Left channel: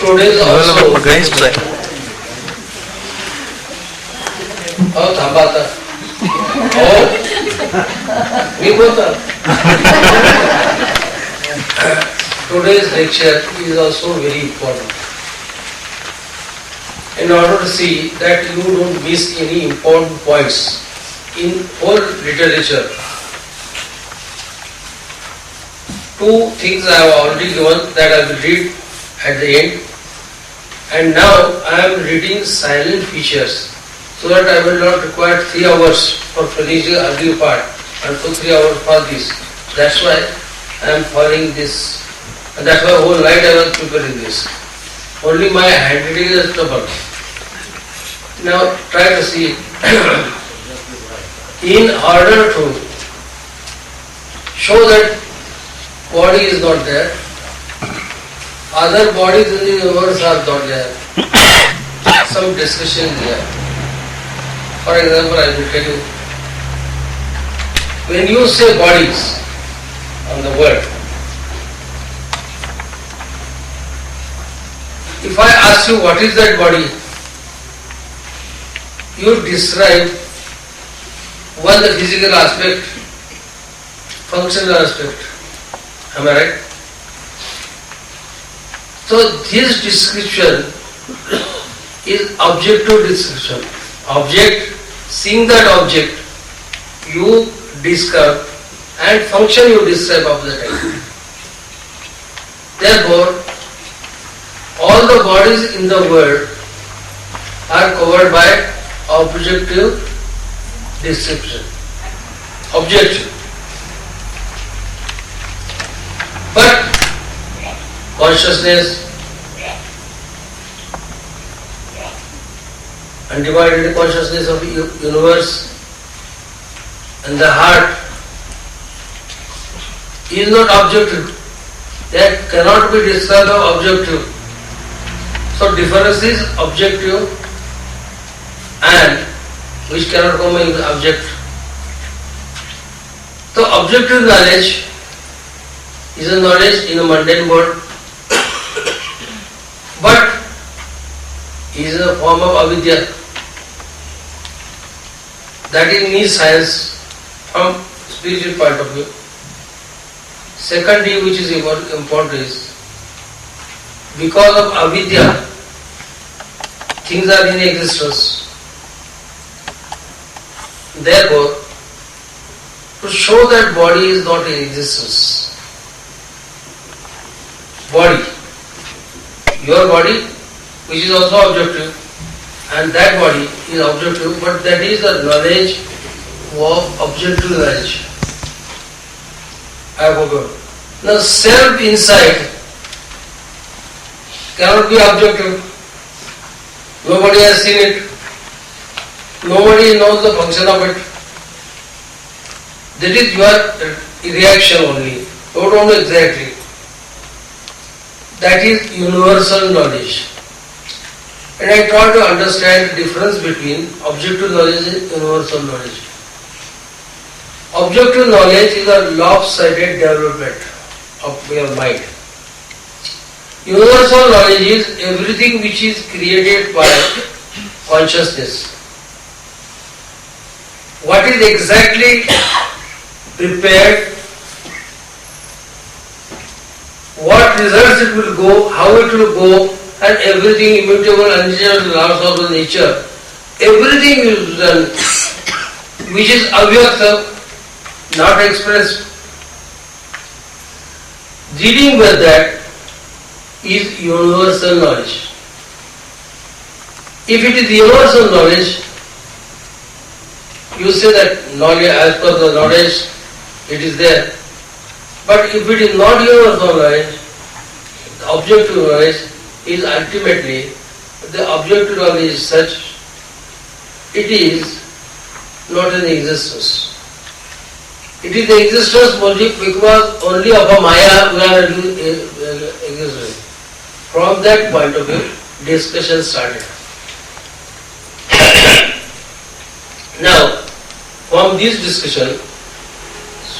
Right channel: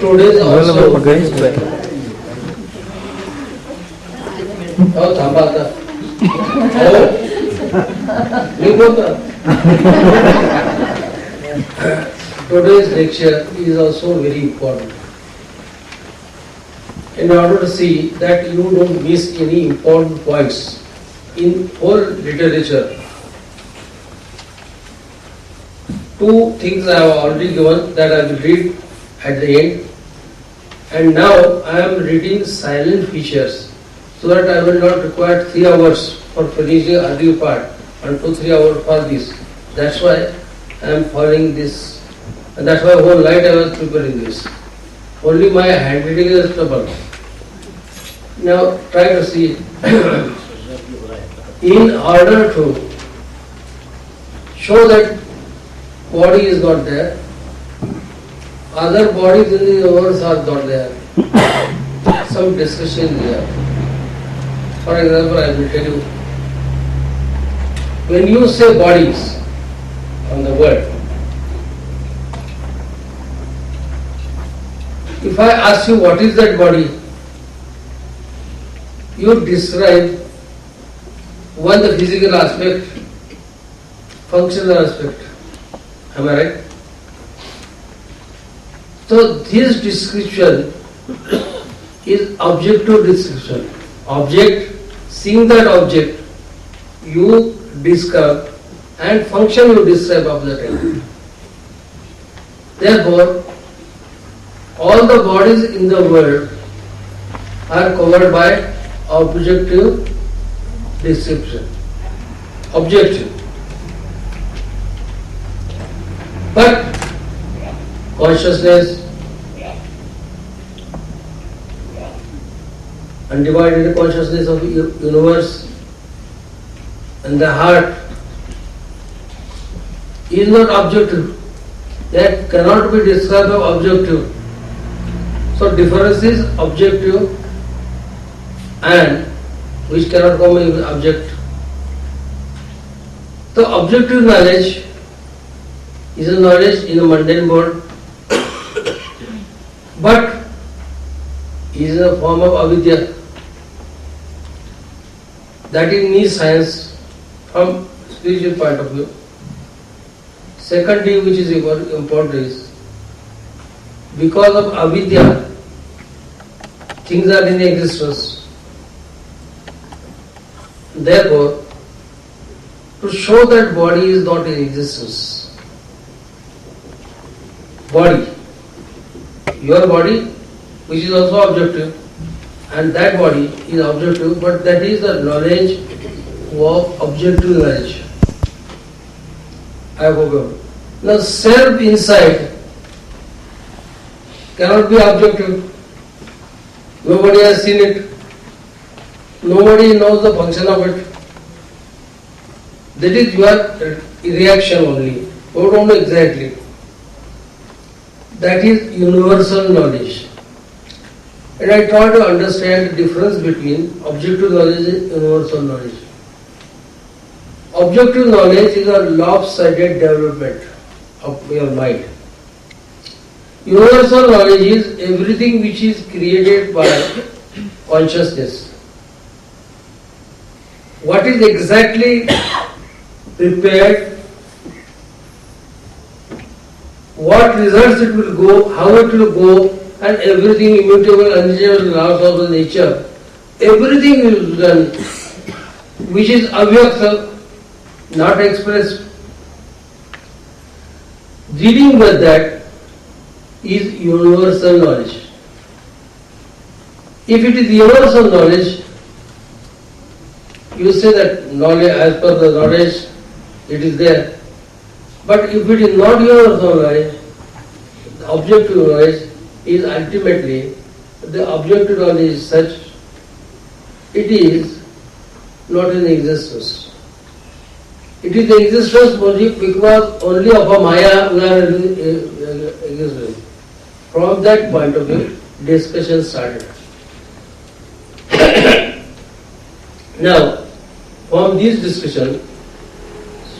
Today also. Oh, Samvad. Oh, me both. Today's lecture is also very important. In order to see that you don't miss any important points in whole literature. Two things I have already given that I will read at the end, and now I am reading silent features so that I will not require 3 hours for finishing the earlier part and 2-3 hours for this. That's why I am following this, and that's why whole night I was preparing this. Only my handwriting is trouble. Now try to see in order to show that body is not there, other bodies in the universe are not there. Some discussion here. For example, I will tell you, when you say bodies on the word, if I ask you what is that body, you describe one, the physical aspect, functional aspect. Am I right? So this description is objective description. Object, seeing that object, you describe, and function you describe of the time. Therefore, all the bodies in the world are covered by objective description. Objective. But consciousness, undivided consciousness of universe, and the heart is not objective. That cannot be described as objective. So difference is objective and which cannot come in object. So objective knowledge is a knowledge in a mundane world, but is a form of avidya. That is means science from spiritual point of view. Secondly, which is important is, because of avidya, things are in existence. Therefore, to show that body is not in existence, body, your body, which is also objective, and that body is objective, but that is the knowledge of objective knowledge. I forgot. Now self inside cannot be objective. Nobody has seen it. Nobody knows the function of it. That is your reaction only. Don't know exactly. That is universal knowledge. And I try to understand the difference between objective knowledge and universal knowledge. Objective knowledge is a lopsided development of your mind. Universal knowledge is everything which is created by consciousness. What is exactly prepared, what results it will go, how it will go, and everything immutable, unchangeable laws of the nature, everything is done, which is avyakta, not expressed. Dealing with that is universal knowledge. If it is universal knowledge, you say that knowledge, as per the knowledge, it is there. But if it is not universal knowledge, the objective knowledge is ultimately, the objective knowledge is such, it is not in existence. It is the existence only because only of a Maya we are existing. From that point of view, discussion started. Now, from this discussion,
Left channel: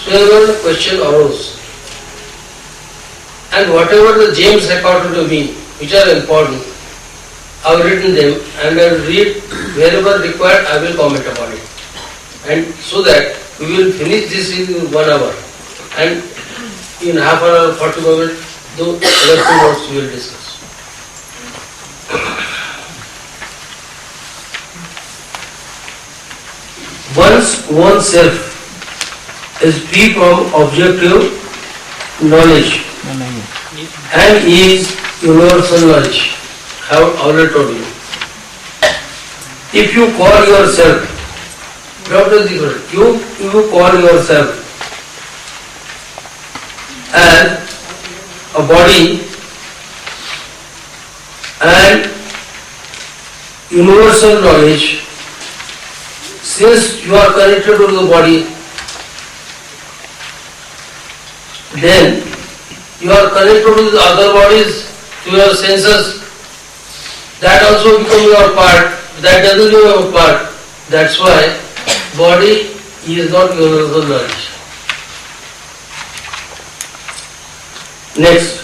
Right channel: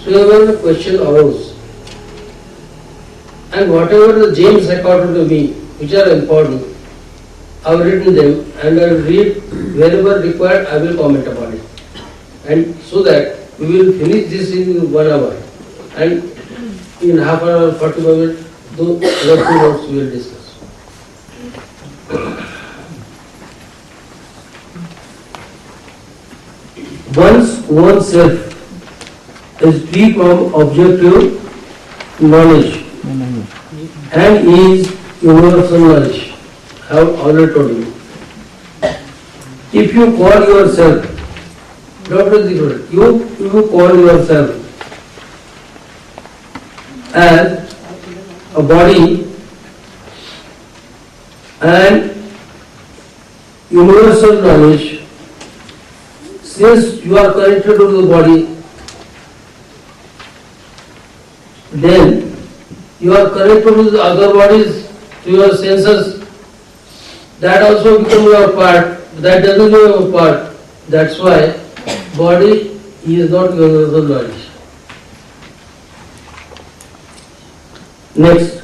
several questions arose. and whatever the gems according to me, which are important, I have written them and I will read wherever required, I will comment upon it. And so that we will finish this in 1 hour. And in half an hour, 40 minutes, the other 2 notes we will discuss. Once oneself is free from objective knowledge and is universal knowledge. I have already told you. If you call yourself, you call yourself as a body and universal knowledge, since you are connected to the body, then you are connected to the other bodies, to your senses, that also become your part, that doesn't become your part. That's why body is not universal knowledge. Next.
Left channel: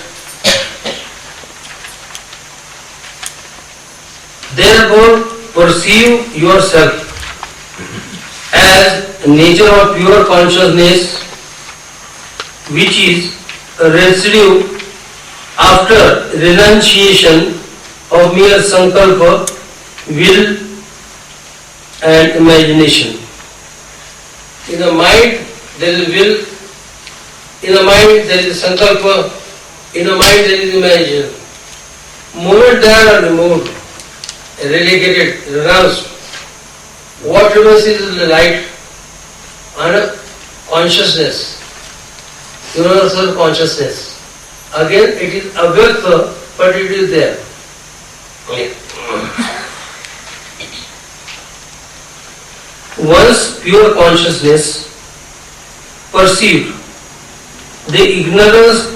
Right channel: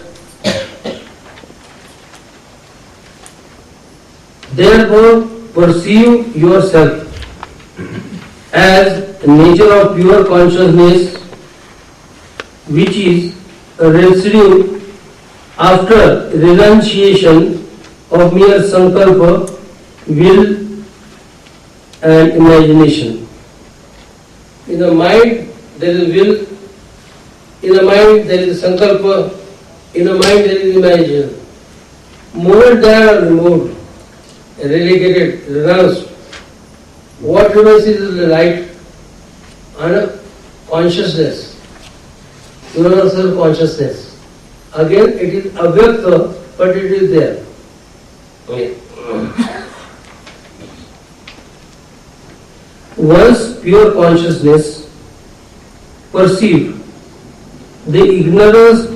Therefore, perceive yourself as nature of pure consciousness, which is a residue after renunciation of mere sankalpa, will and imagination. In the mind there is will, in the mind there is sankalpa, in the mind there is imagination. Moment they are removed, relegated, renounced, what remains is the light and consciousness, universal consciousness. Again it is avyakta, but it is there. Once pure consciousness perceived the ignorance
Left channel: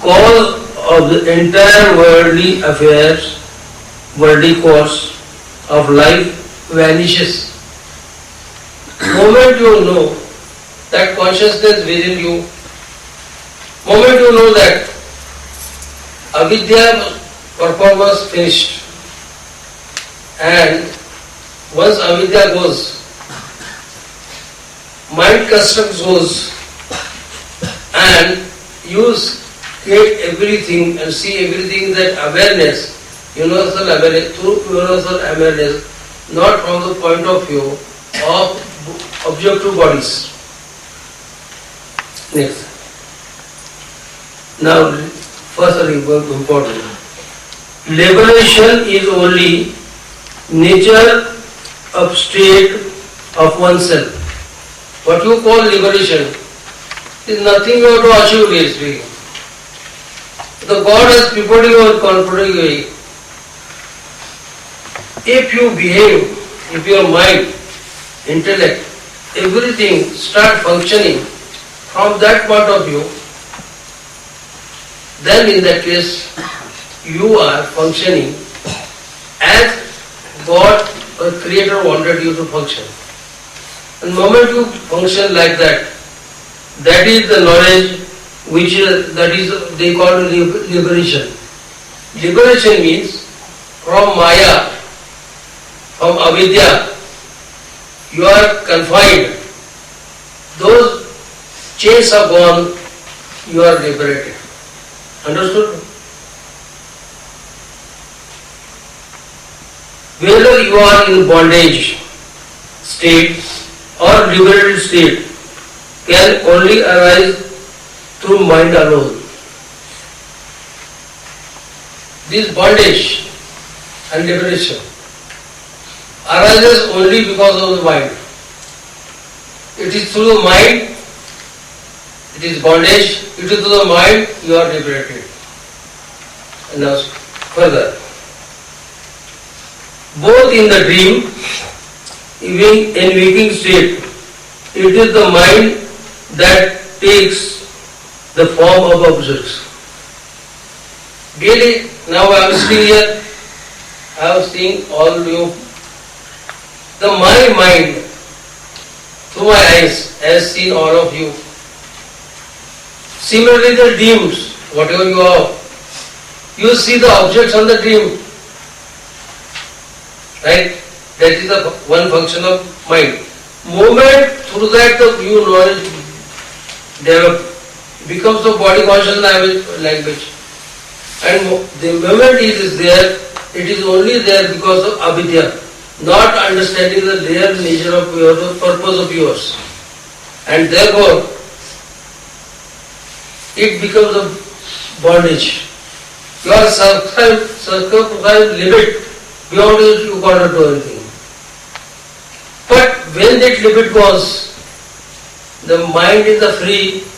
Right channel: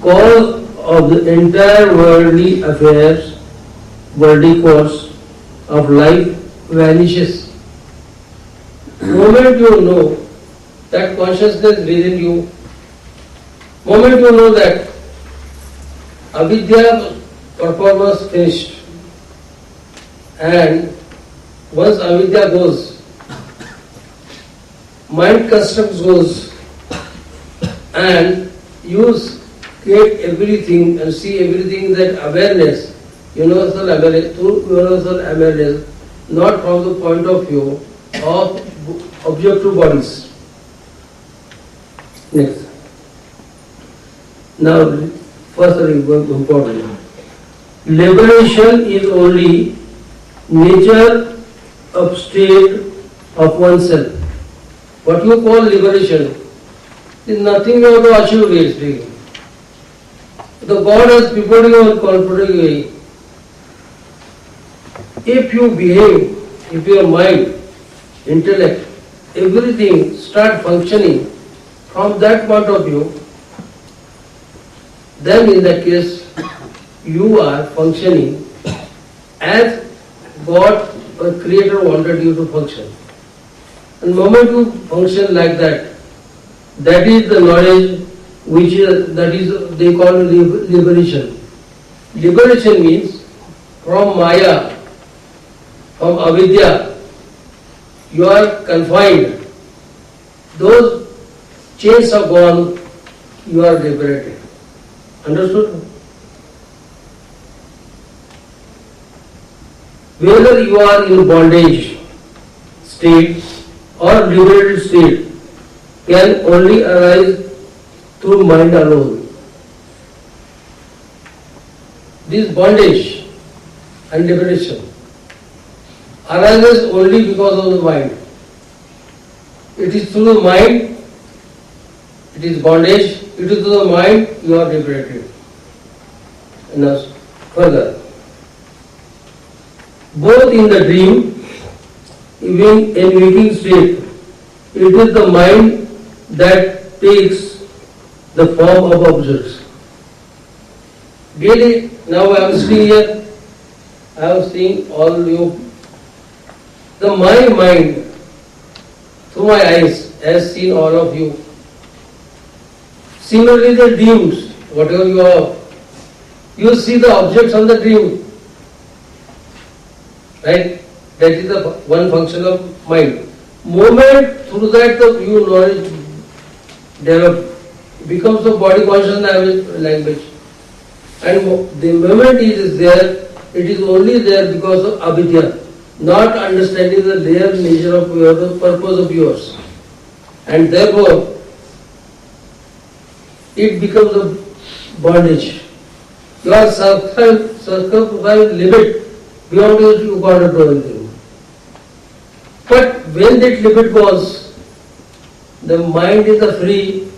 cause of the entire worldly affairs, worldly course of life vanishes. Moment you know that consciousness within you, moment you know that avidya performance finished, and once avidya goes, mind construct goes, and you create everything and see everything in that awareness, universal awareness, through universal awareness, not from the point of view of objective bodies. Next. Now, first important. Liberation is only nature of state of oneself. What you call liberation is nothing you have to achieve really. The God has prepared you and confronted you. If you behave, if your mind, intellect, everything start functioning from that point of view, then in that case you are functioning as God or Creator wanted you to function. And the moment you function like that, that is the knowledge which is, that is they call liberation. Liberation means from Maya, from avidya, you are confined. Those chains are gone, you are liberated. Understood? Whether you are in bondage state or liberated state can only arise through mind alone. This bondage and liberation arises only because of the mind. It is through the mind, it is bondage, it is through the mind you are liberated. And now further. Both in the dream, even in waking state, it is the mind that takes the form of objects. Really, now I am sitting here, I am seeing all you. My mind, through my eyes, has seen all of you. Similarly, the dreams, whatever you are, you see the objects on the dream. Right? That is the one function of mind. Moment through that the view knowledge develop, becomes the body conscious language. And the moment it is there, it is only there because of avidya, not understanding the real nature of yours, the purpose of yours. And therefore, it becomes a bondage. You are circumscribed limit, beyond it you cannot do anything. But when that limit goes, the mind is the free.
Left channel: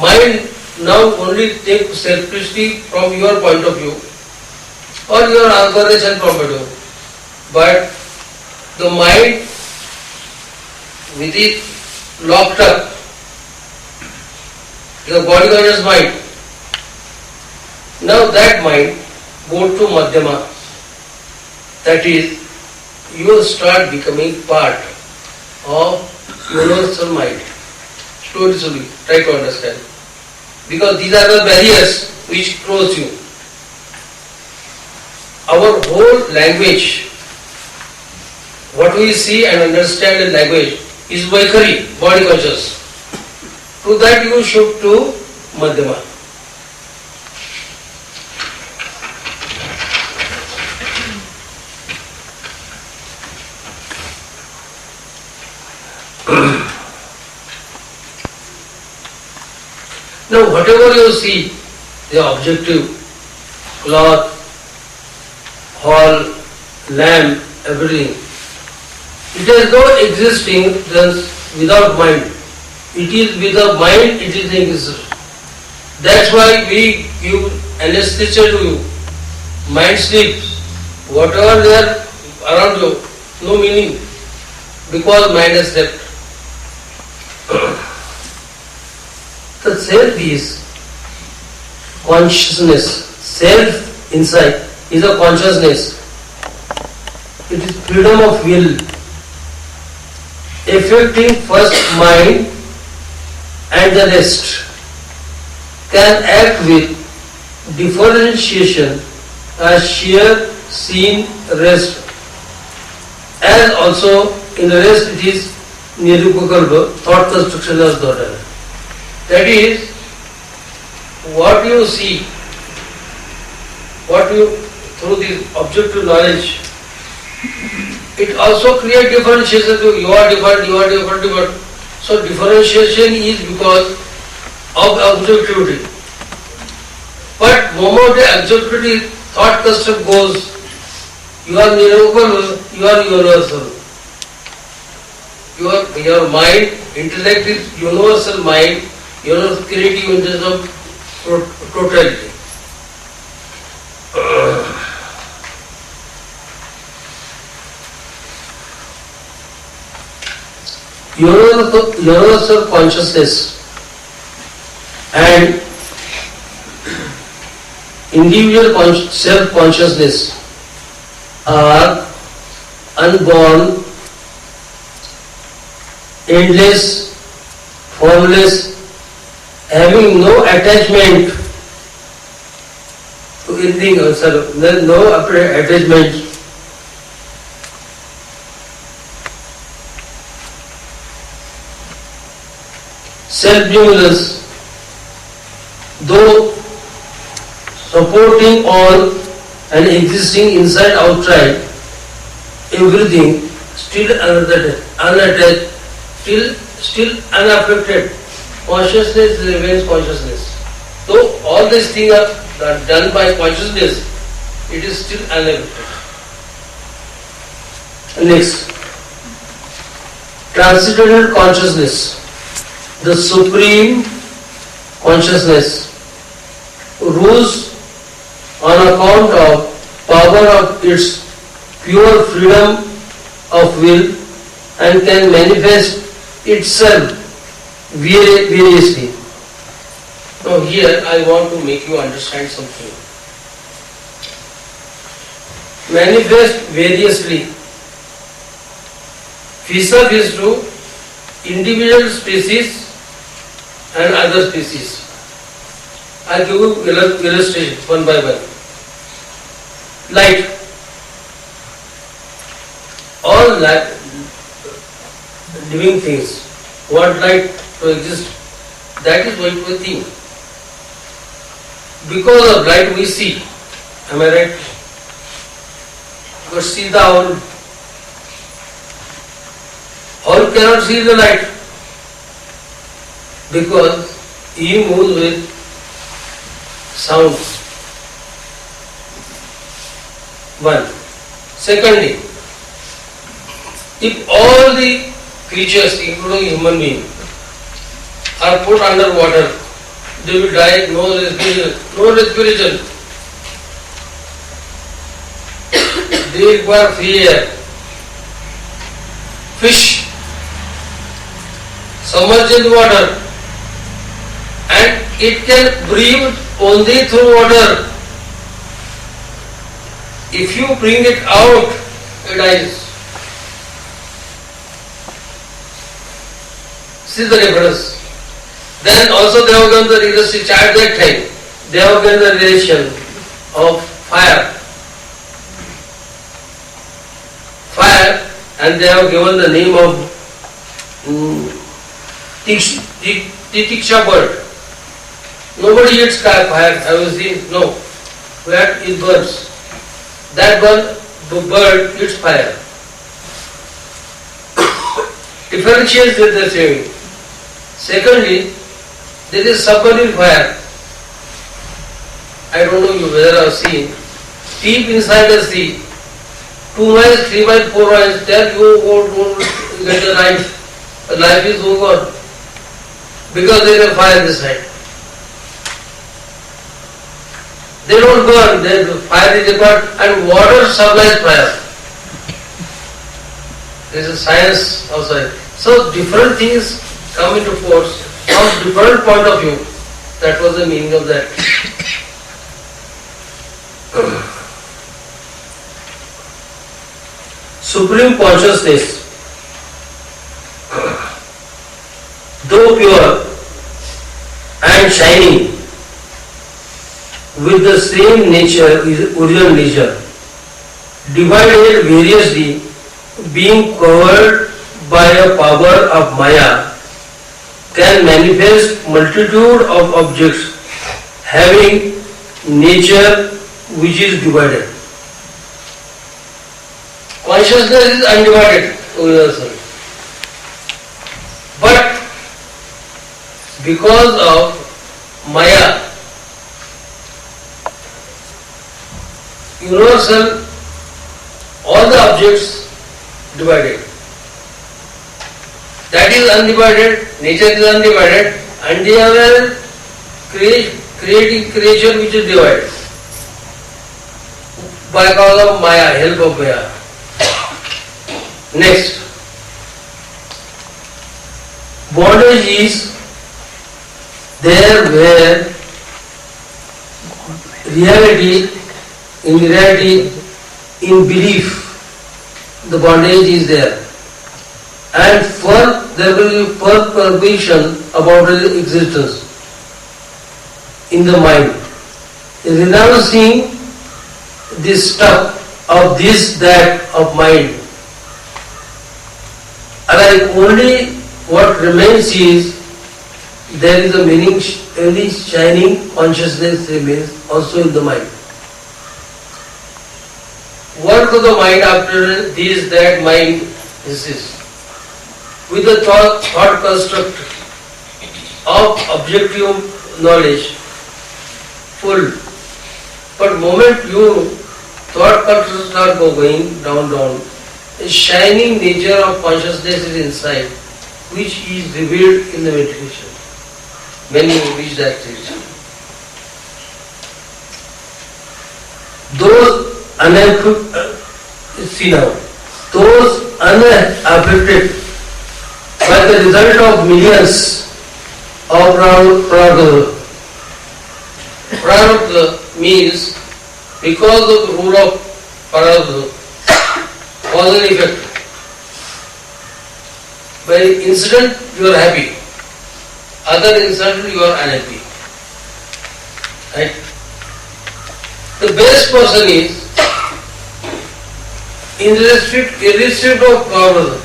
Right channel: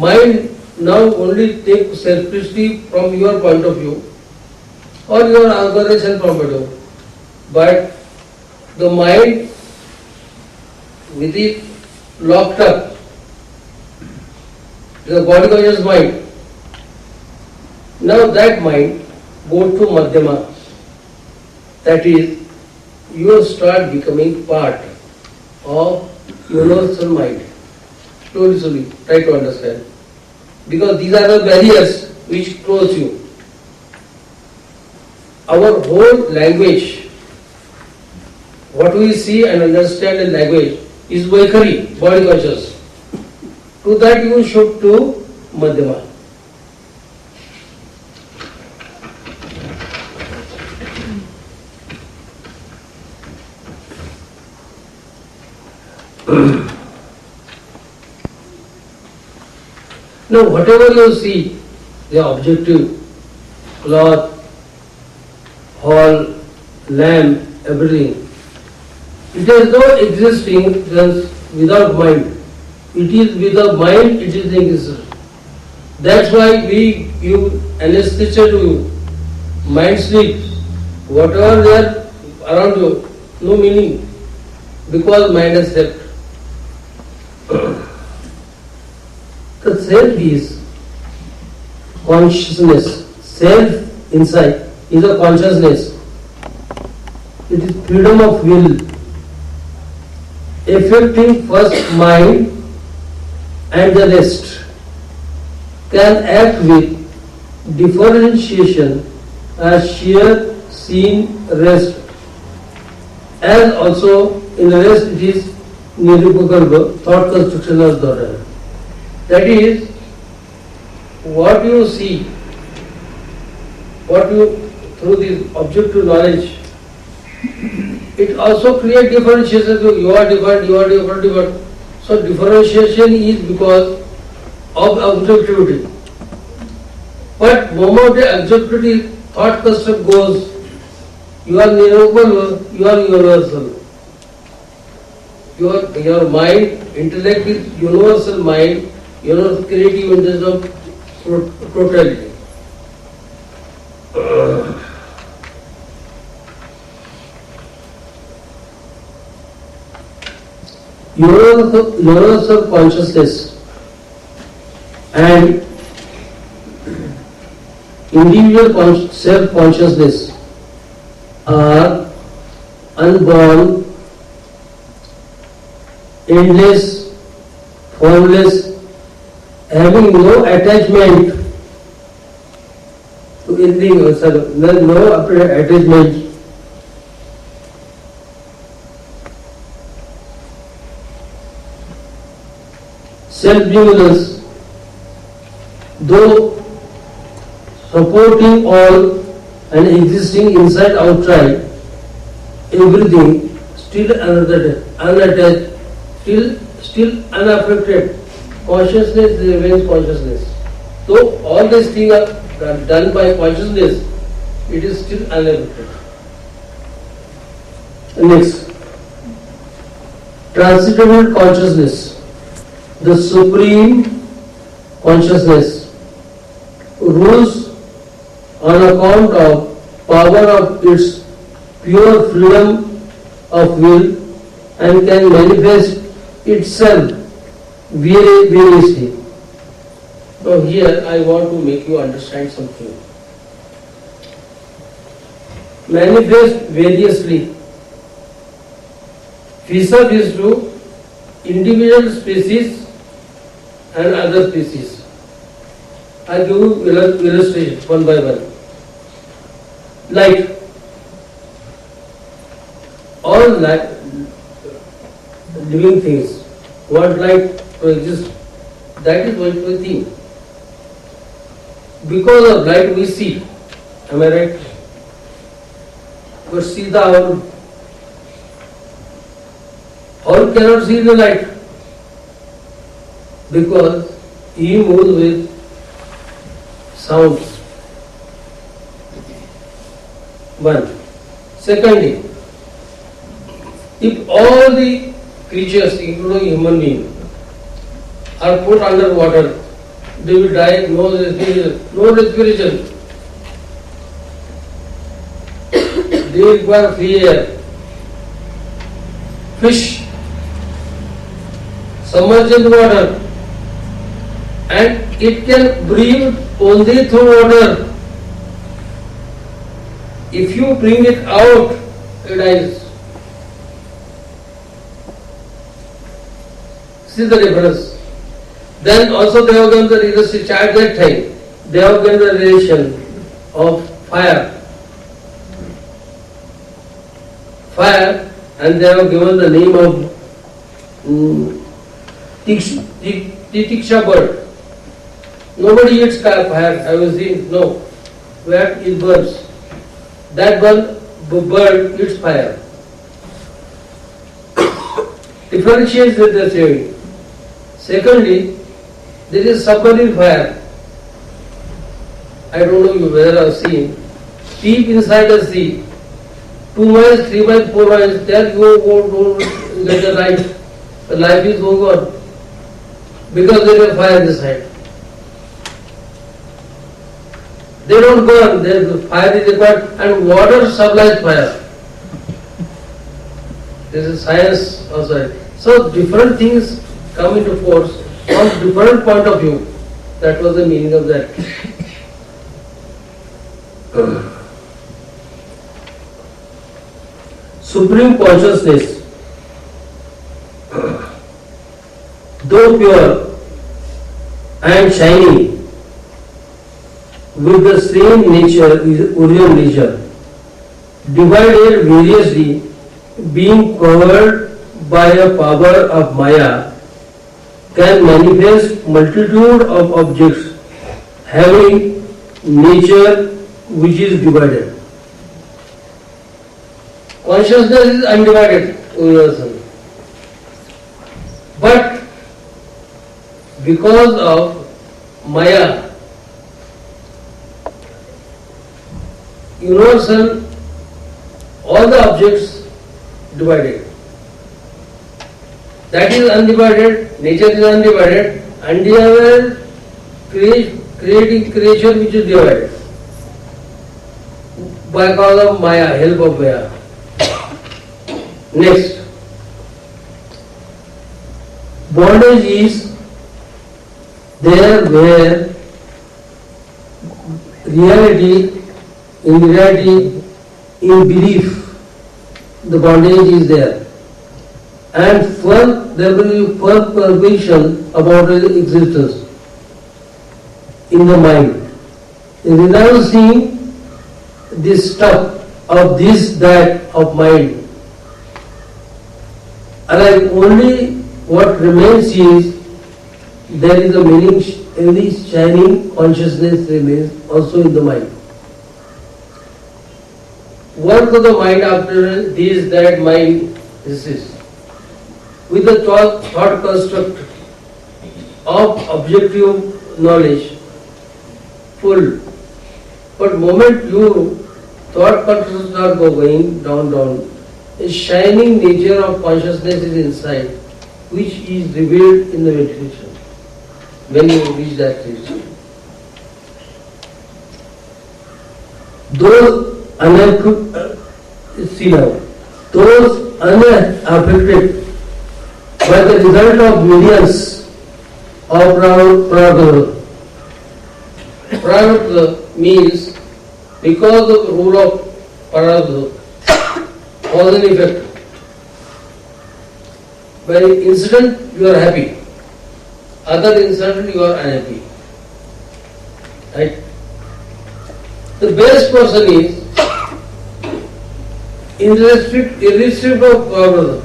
Mind now only takes selfishly from your point of view or your organization point of view. But the mind with it locked up, the body conscious mind. Now that mind go to Madhyama. That is, you start becoming part of universal mind. Slowly, try to understand. Because these are the barriers which close you. Our whole language, what we see and understand in language, is Vaikari, body conscious. To that you should to Madhyama. Now whatever you see, the objective, cloth, hall, lamp, everything, it has no existing without mind. It is with the mind, it is existence. That's why we give anesthesia to you. Mind sleeps. Whatever there around you, no meaning. Because mind has slept. The self is consciousness. Self inside is a consciousness. It is freedom of will. Affecting first mind and the rest. Can act with differentiation as sheer seen rest. As also in the rest it is nirupakalpa, thought construction of Datta. That is, what you see, what you, through the objective knowledge, it also creates differentiation. You are different, you are different, different. So differentiation is because of objectivity. But moment the objectivity thought construct goes, you are nirupal, you are universal. Your mind, intellect is universal mind, universal creative intelligence of totality. Universal consciousness and individual self-consciousness are unborn, endless, formless, having no attachment to anything else, there is no attachment. Self-luminous, though supporting all and existing inside, outside, everything, still unattached, still unaffected. Consciousness remains consciousness. Though all these things are done by consciousness, it is still unaffected. Next, transcendental consciousness, the supreme consciousness, rules on account of power of its pure freedom of will and can manifest itself variously. Now here I want to make you understand something. Manifest variously vis-a-vis to individual species and other species. I give you illustration one by one. Light. All living things want light to exist. That is what we think. Because of light we see. Am I right? But see the owl. Owl cannot see the light because he moves with sound. One. Secondly, if all the creatures, including human beings, are put under water, they will die, no respiration. No respiration. They require free air. Fish submerged in water and it can breathe only through water. If you bring it out, it dies. See the difference. Then also they have given the realistic at that time. They have given the relation of fire. Fire, and they have given the name of Tiksha bird. Nobody eats fire. Have you seen? No. Where is birds? That bird eats fire. Differentiates with the same. Secondly, there is submarine fire. I don't know you whether I have seen. Deep inside the sea, 2 miles, 3 miles, 4 miles, there you won't get the life. The life is over because there is a fire inside. They don't burn, the fire is apart and water supplies fire. There is a science outside. So different things come into force from different point of view. That was the meaning of that. Supreme consciousness, though pure and shining, with the same nature, original nature, divided variously, being covered by a power of Maya, can manifest multitude of objects having nature which is divided. Consciousness is undivided, universal. But because of Maya, universal, all the objects divided. That is undivided, nature is undivided, and they are creating creation which is divided by cause of Maya, help of Maya. Next, bondage is there where in in belief, the bondage is there. And there will be perturbation about existence in the mind. Renouncing this stuff of this, that, of mind. And only what remains is there is a meaning, only shining consciousness remains also in the mind. Work of the mind after this, that, mind exists. With the thought construct of objective knowledge full. But moment you thought construct start going down, a shining nature of consciousness is inside, which is revealed in the meditation. When you reach that stage. Those unaffected by the result of millions of prarabdha. Prarabdha means because of the rule of prarabdha, cause and effect. By incident you are happy, other incident you are unhappy. Right? The best person is irrespective of problem,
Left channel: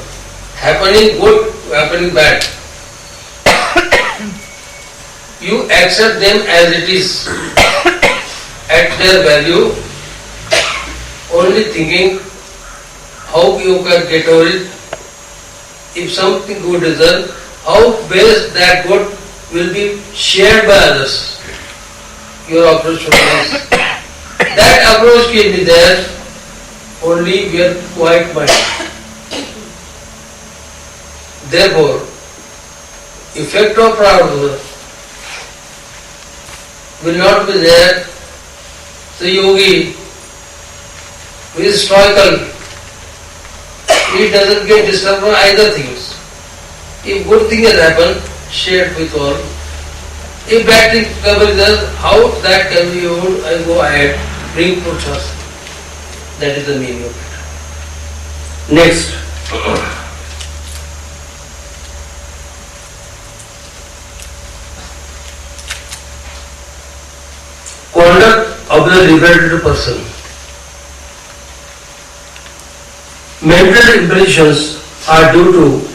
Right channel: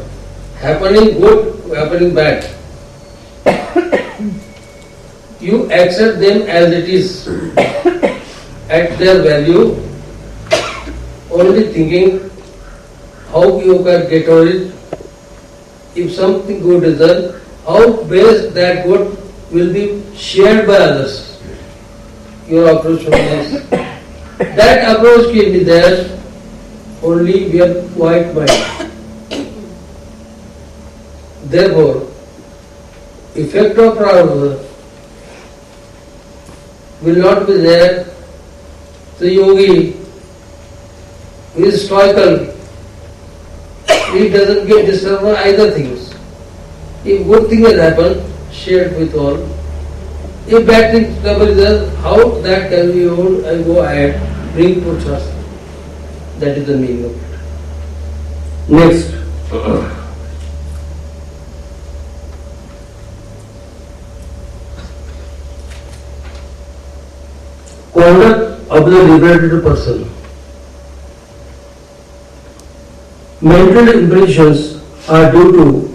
happening good, happening bad. You accept them as it is, at their value, only thinking how you can get over it. If something good is done, how best that good will be shared by others. Your approach should be this. That approach can be there only with quiet mind. Therefore, effect of prarabdha will not be there. The yogi who is stoical, he doesn't get disturbed by either things. If good thing has happened, share with all. If bad thing comes there, how that can be able, I go ahead, bring purushas. That is the meaning of it. Next. Conduct of the liberated person. Mental impressions are due to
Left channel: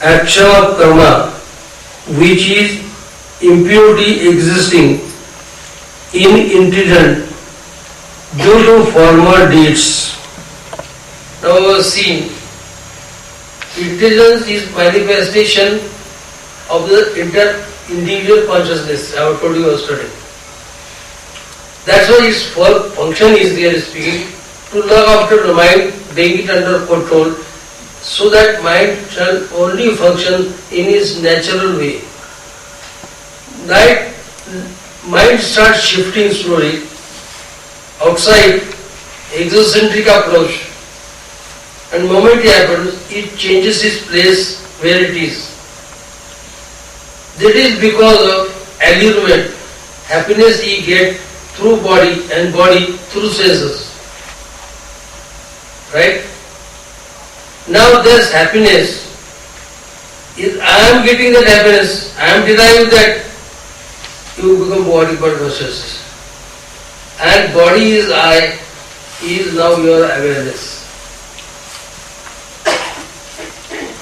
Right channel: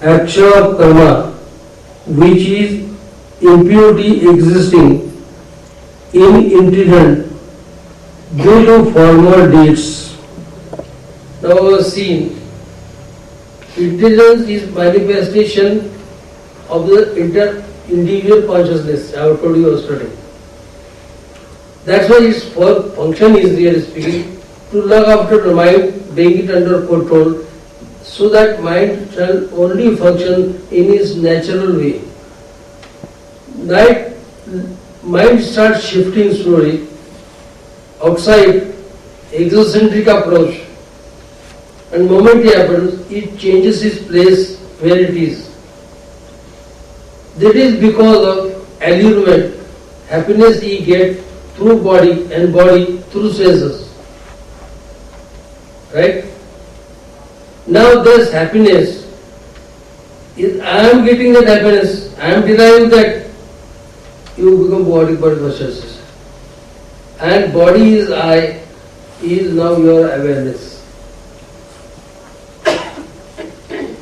action of karma, which is impurity existing in intelligence due to former deeds. Now see, intelligence is manifestation of the individual consciousness. I have told you yesterday. That's why its function is, really speaking, to look after the mind, bring it under control, so that mind shall only function in its natural way. That mind starts shifting slowly outside exocentric approach, and moment it happens, it changes its place where it is. That is because of allurement, happiness he gets through body and body through senses. Right? Now this happiness is, I am getting that happiness, I am deriving that, you become body versus. And body is I, is now your awareness.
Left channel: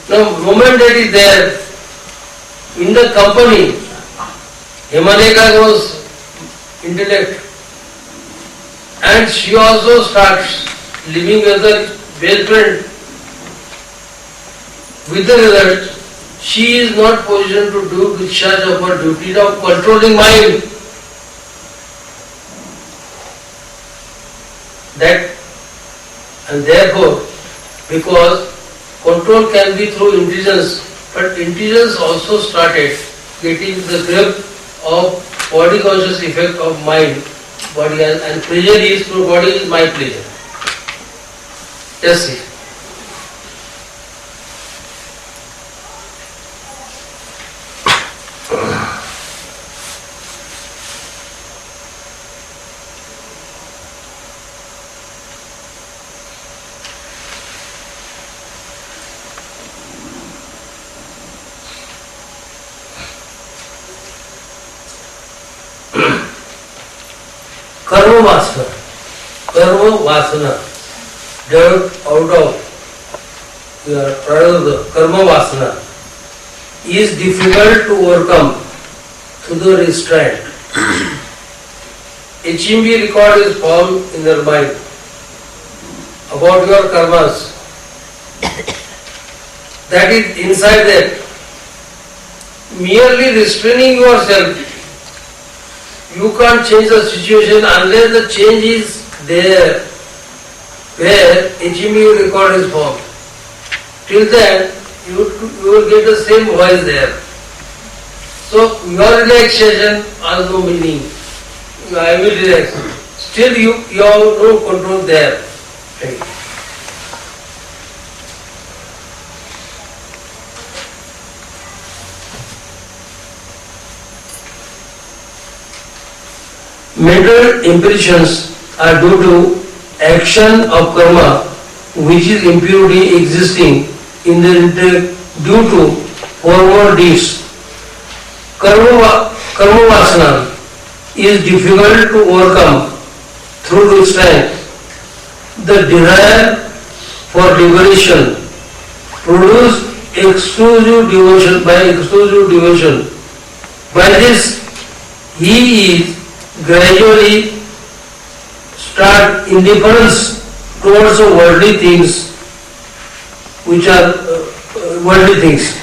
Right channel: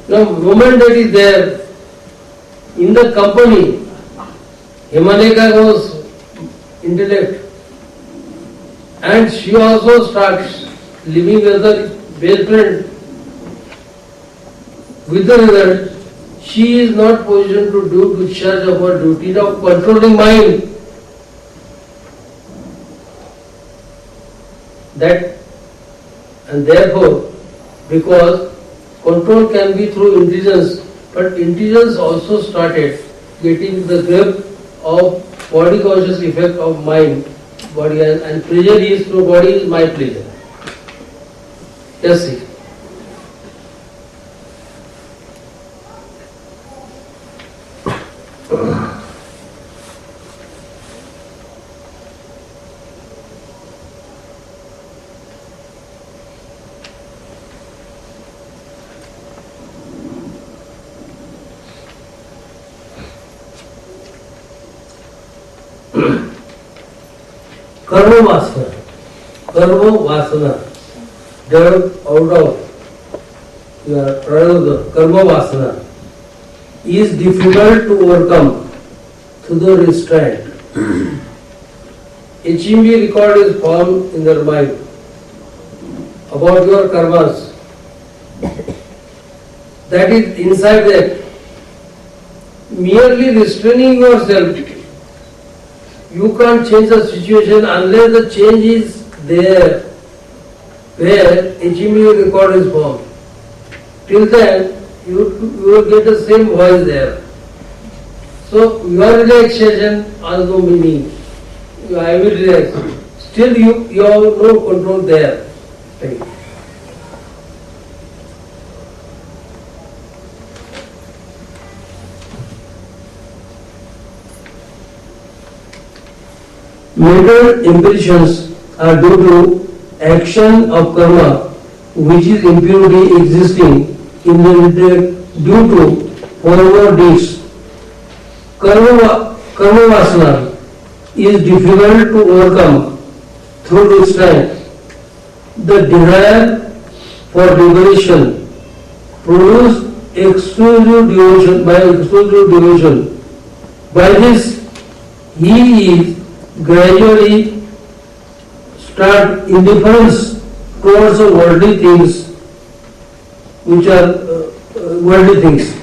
Now moment that is there, in the company, Himalaya was intellect, and she also starts living as a best friend. With the result, she is not positioned to do discharge of her duty of controlling mind. That, and therefore, because control can be through intelligence, but intelligence also started getting the grip of body conscious effect of mind, body, and pleasure is through body is my pleasure. Yes, see. Karma vasana, developed out of your prarabdha, karma vasana, is difficult to overcome through the restraint. A HMB record is formed in their mind about your karmas. That is inside that. Merely restraining yourself, you can't change the situation unless the change is there, where HMU record is formed. Till then, you will get the same voice there. So, your relaxation has no meaning. I will relax. Still, you have no control there. Mental impressions are due to action of karma, which is impurity existing in the intellect due to former deeds. Karma vasana is difficult to overcome through restraint. The desire for liberation produces exclusive devotion. By this, he is gradually start indifference towards worldly things, which are worldly things.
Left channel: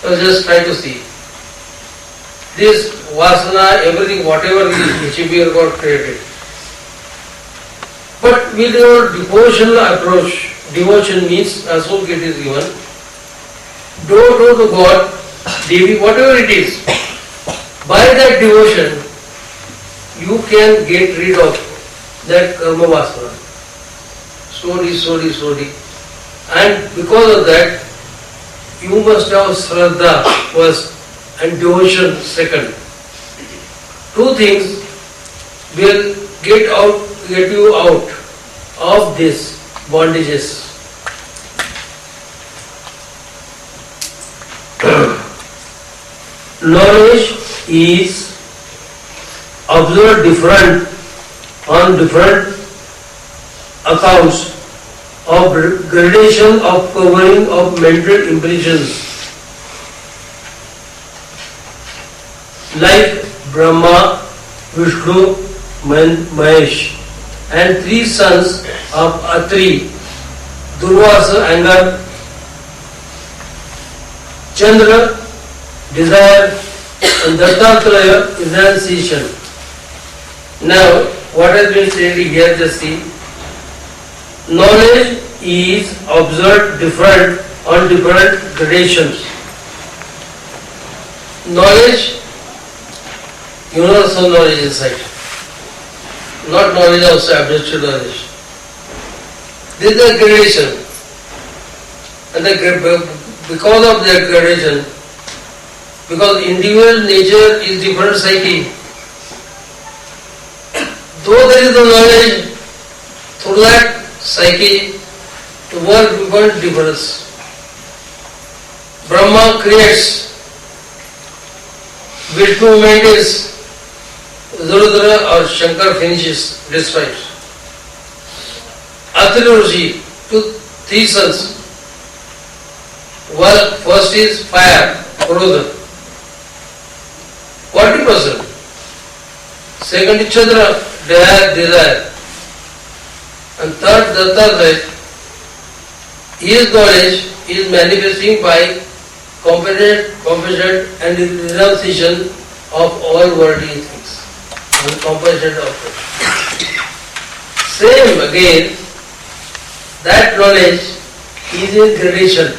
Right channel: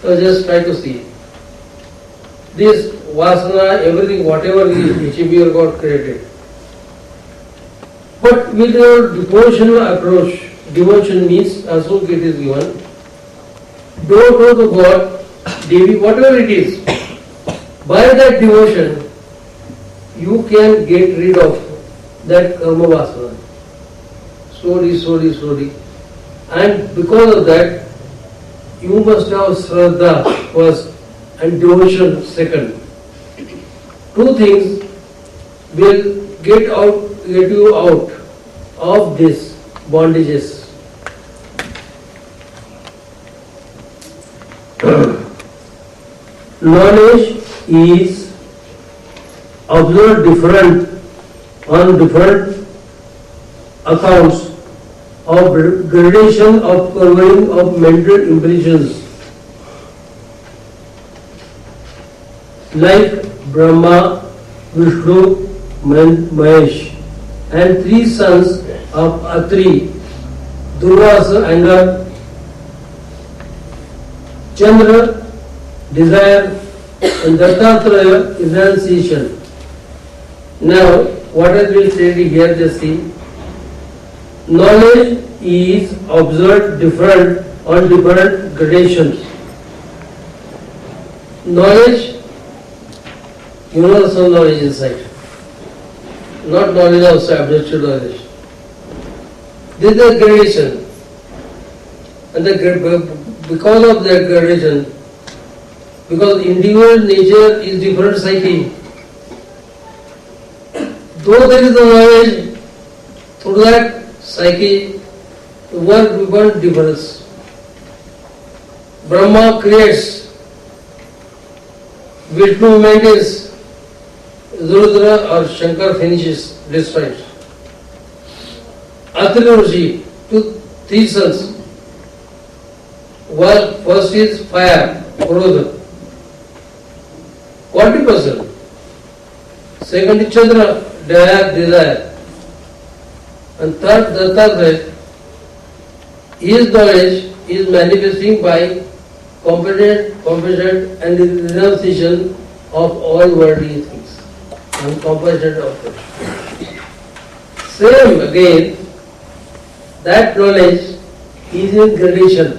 So just try to see. This vasana, everything, whatever is achieved, God created. But with your devotional approach, devotion means, as it is given, do to God, Devi, whatever it is. By that devotion, you can get rid of that karma vasana. Slowly. And because of that, you must have Shraddha first and devotion second. Two things will get you out of these bondages. Knowledge is observed different on different accounts of gradation of covering of mental impressions, like Brahma, Vishnu, Mahesh, and three sons of Atri, Durvasa, anger, Chandra, desire, and Dattatreya, renunciation. Now, what has been said here, just see. Knowledge is observed different on different gradations. Knowledge, universal knowledge inside. Not knowledge of absolute knowledge. This is the gradation. And because of that gradation, because individual nature is different psyche, though there is no knowledge, through that psyche, the world becomes difference. Brahma creates, Vishnu maintains, Rudra or Shankar finishes, destroys. Atri Rishi, three sons. First is fire, Rudra, 40%. Second is Chandra, desire. And third, Datta, his knowledge is manifesting by compassion and renunciation of all worldly things. And compassion of it. Same again, that knowledge is in gradation.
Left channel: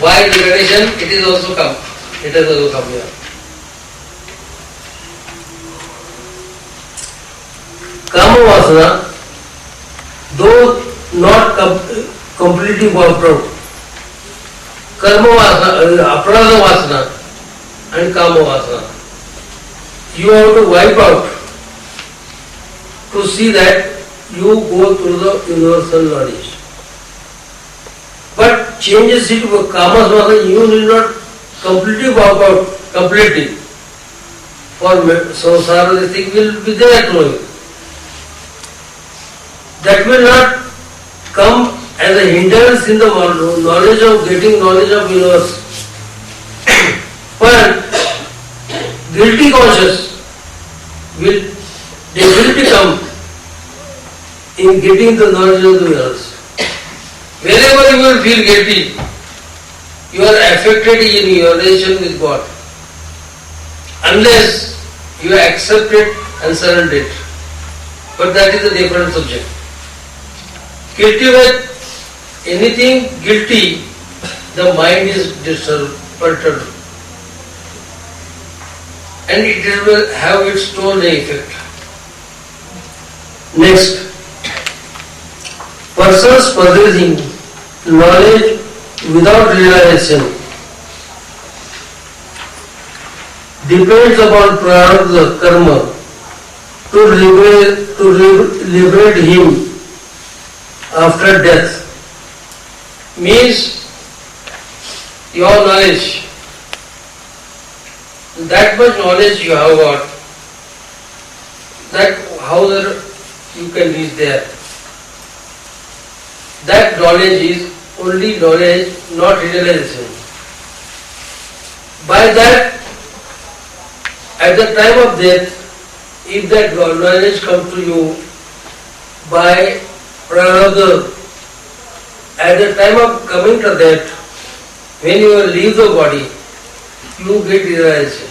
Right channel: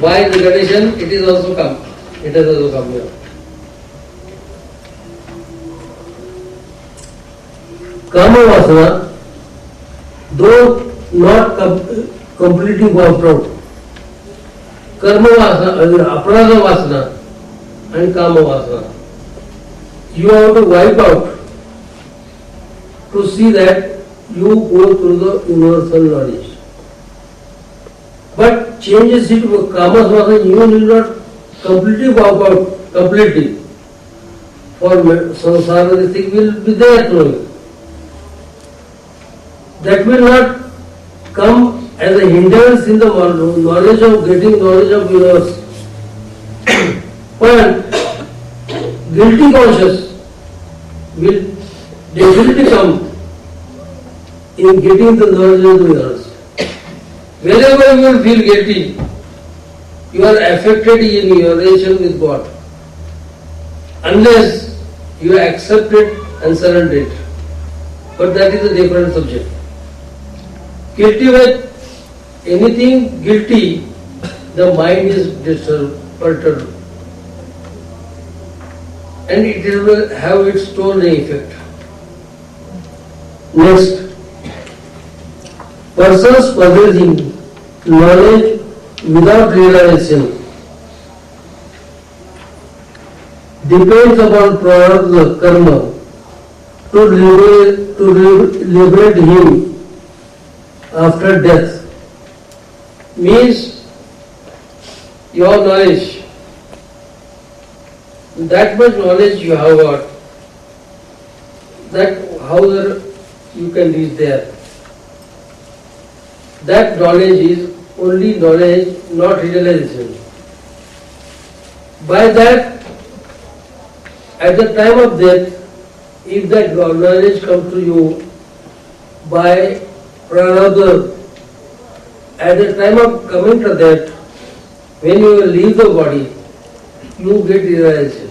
By gradation, it is also come. It has also come here. Kama vasana, though not completely wiped out, karma vasana, aparadha vasana and kama vasana, you have to wipe out to see that you go through the universal knowledge. But changes it to kama vasana, you need not completely wipe out completely. For samsara, this thing will be there to you. That will not come as a hindrance in the knowledge of getting knowledge of universe. But guilty conscious will definitely come in getting the knowledge of the universe. Wherever you will feel guilty, you are affected in your relation with God. Unless you accept it and surrender it. But that is a different subject. Guilty with anything guilty, the mind is disturbed, perturbed. And it will have its own effect. Next, persons possessing knowledge without realization depends upon prarabdha karma to liberate him after death. Means your knowledge, that much knowledge you have got, that how you can reach there. That knowledge is only knowledge, not realization. By that, at the time of death, if that knowledge comes to you by prarabdha, at the time of coming to death, when you will leave the body, you get realization.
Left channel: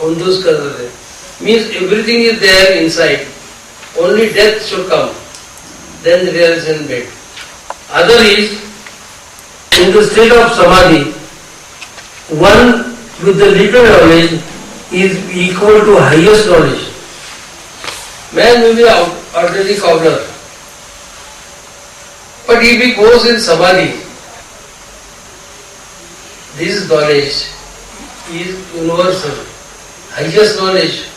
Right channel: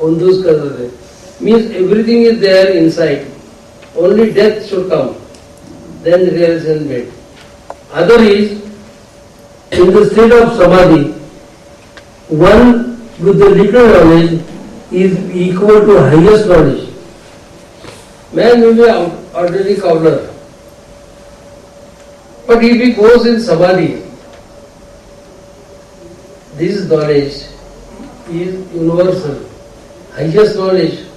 On those kinds means everything is there inside. Only death should come. Then the realization made. Other is, in the state of samadhi, one with the little knowledge is equal to highest knowledge. Man may be an ordinary cobbler, but if he goes in samadhi, this knowledge is universal, highest knowledge.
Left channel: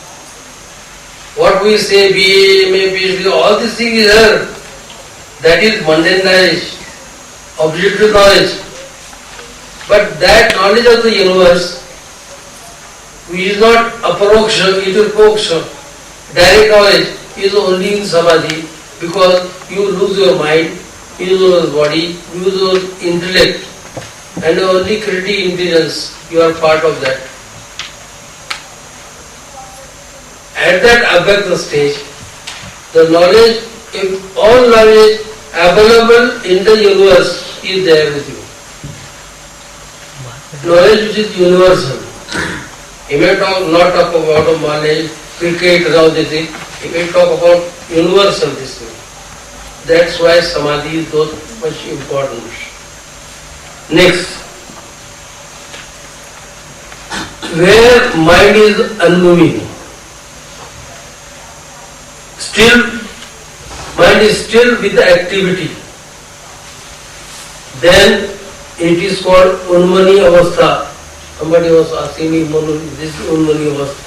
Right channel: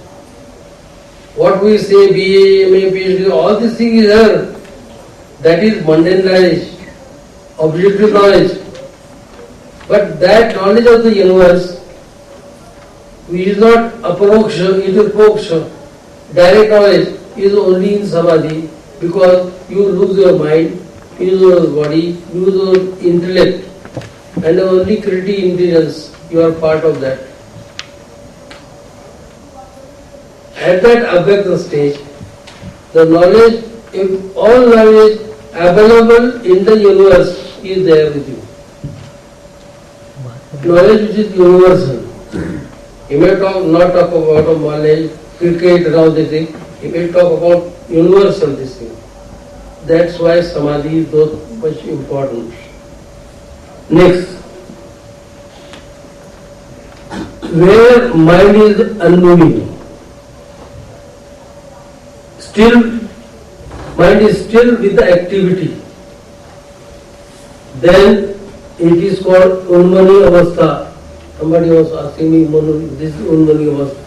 What we say, BA, MA, PhD, all these things is there. That is mundane knowledge, objective knowledge. But that knowledge of the universe, which is not aparoksha, it is proksha, direct knowledge, is only in samadhi, because you lose your mind, you lose your body, you lose your intellect, and only creative intelligence, you are part of that. At that abhyakta stage, the knowledge, if all knowledge available in the universe is there with you. Knowledge which is universal. He may not talk about knowledge, cricket, and all this thing. He may talk about universal this thing. That's why samadhi is so much important. Next, where mind is unmoving, mind is still with the activity, then it is called unmani avastha. Somebody was asking me, this is unmani avastha.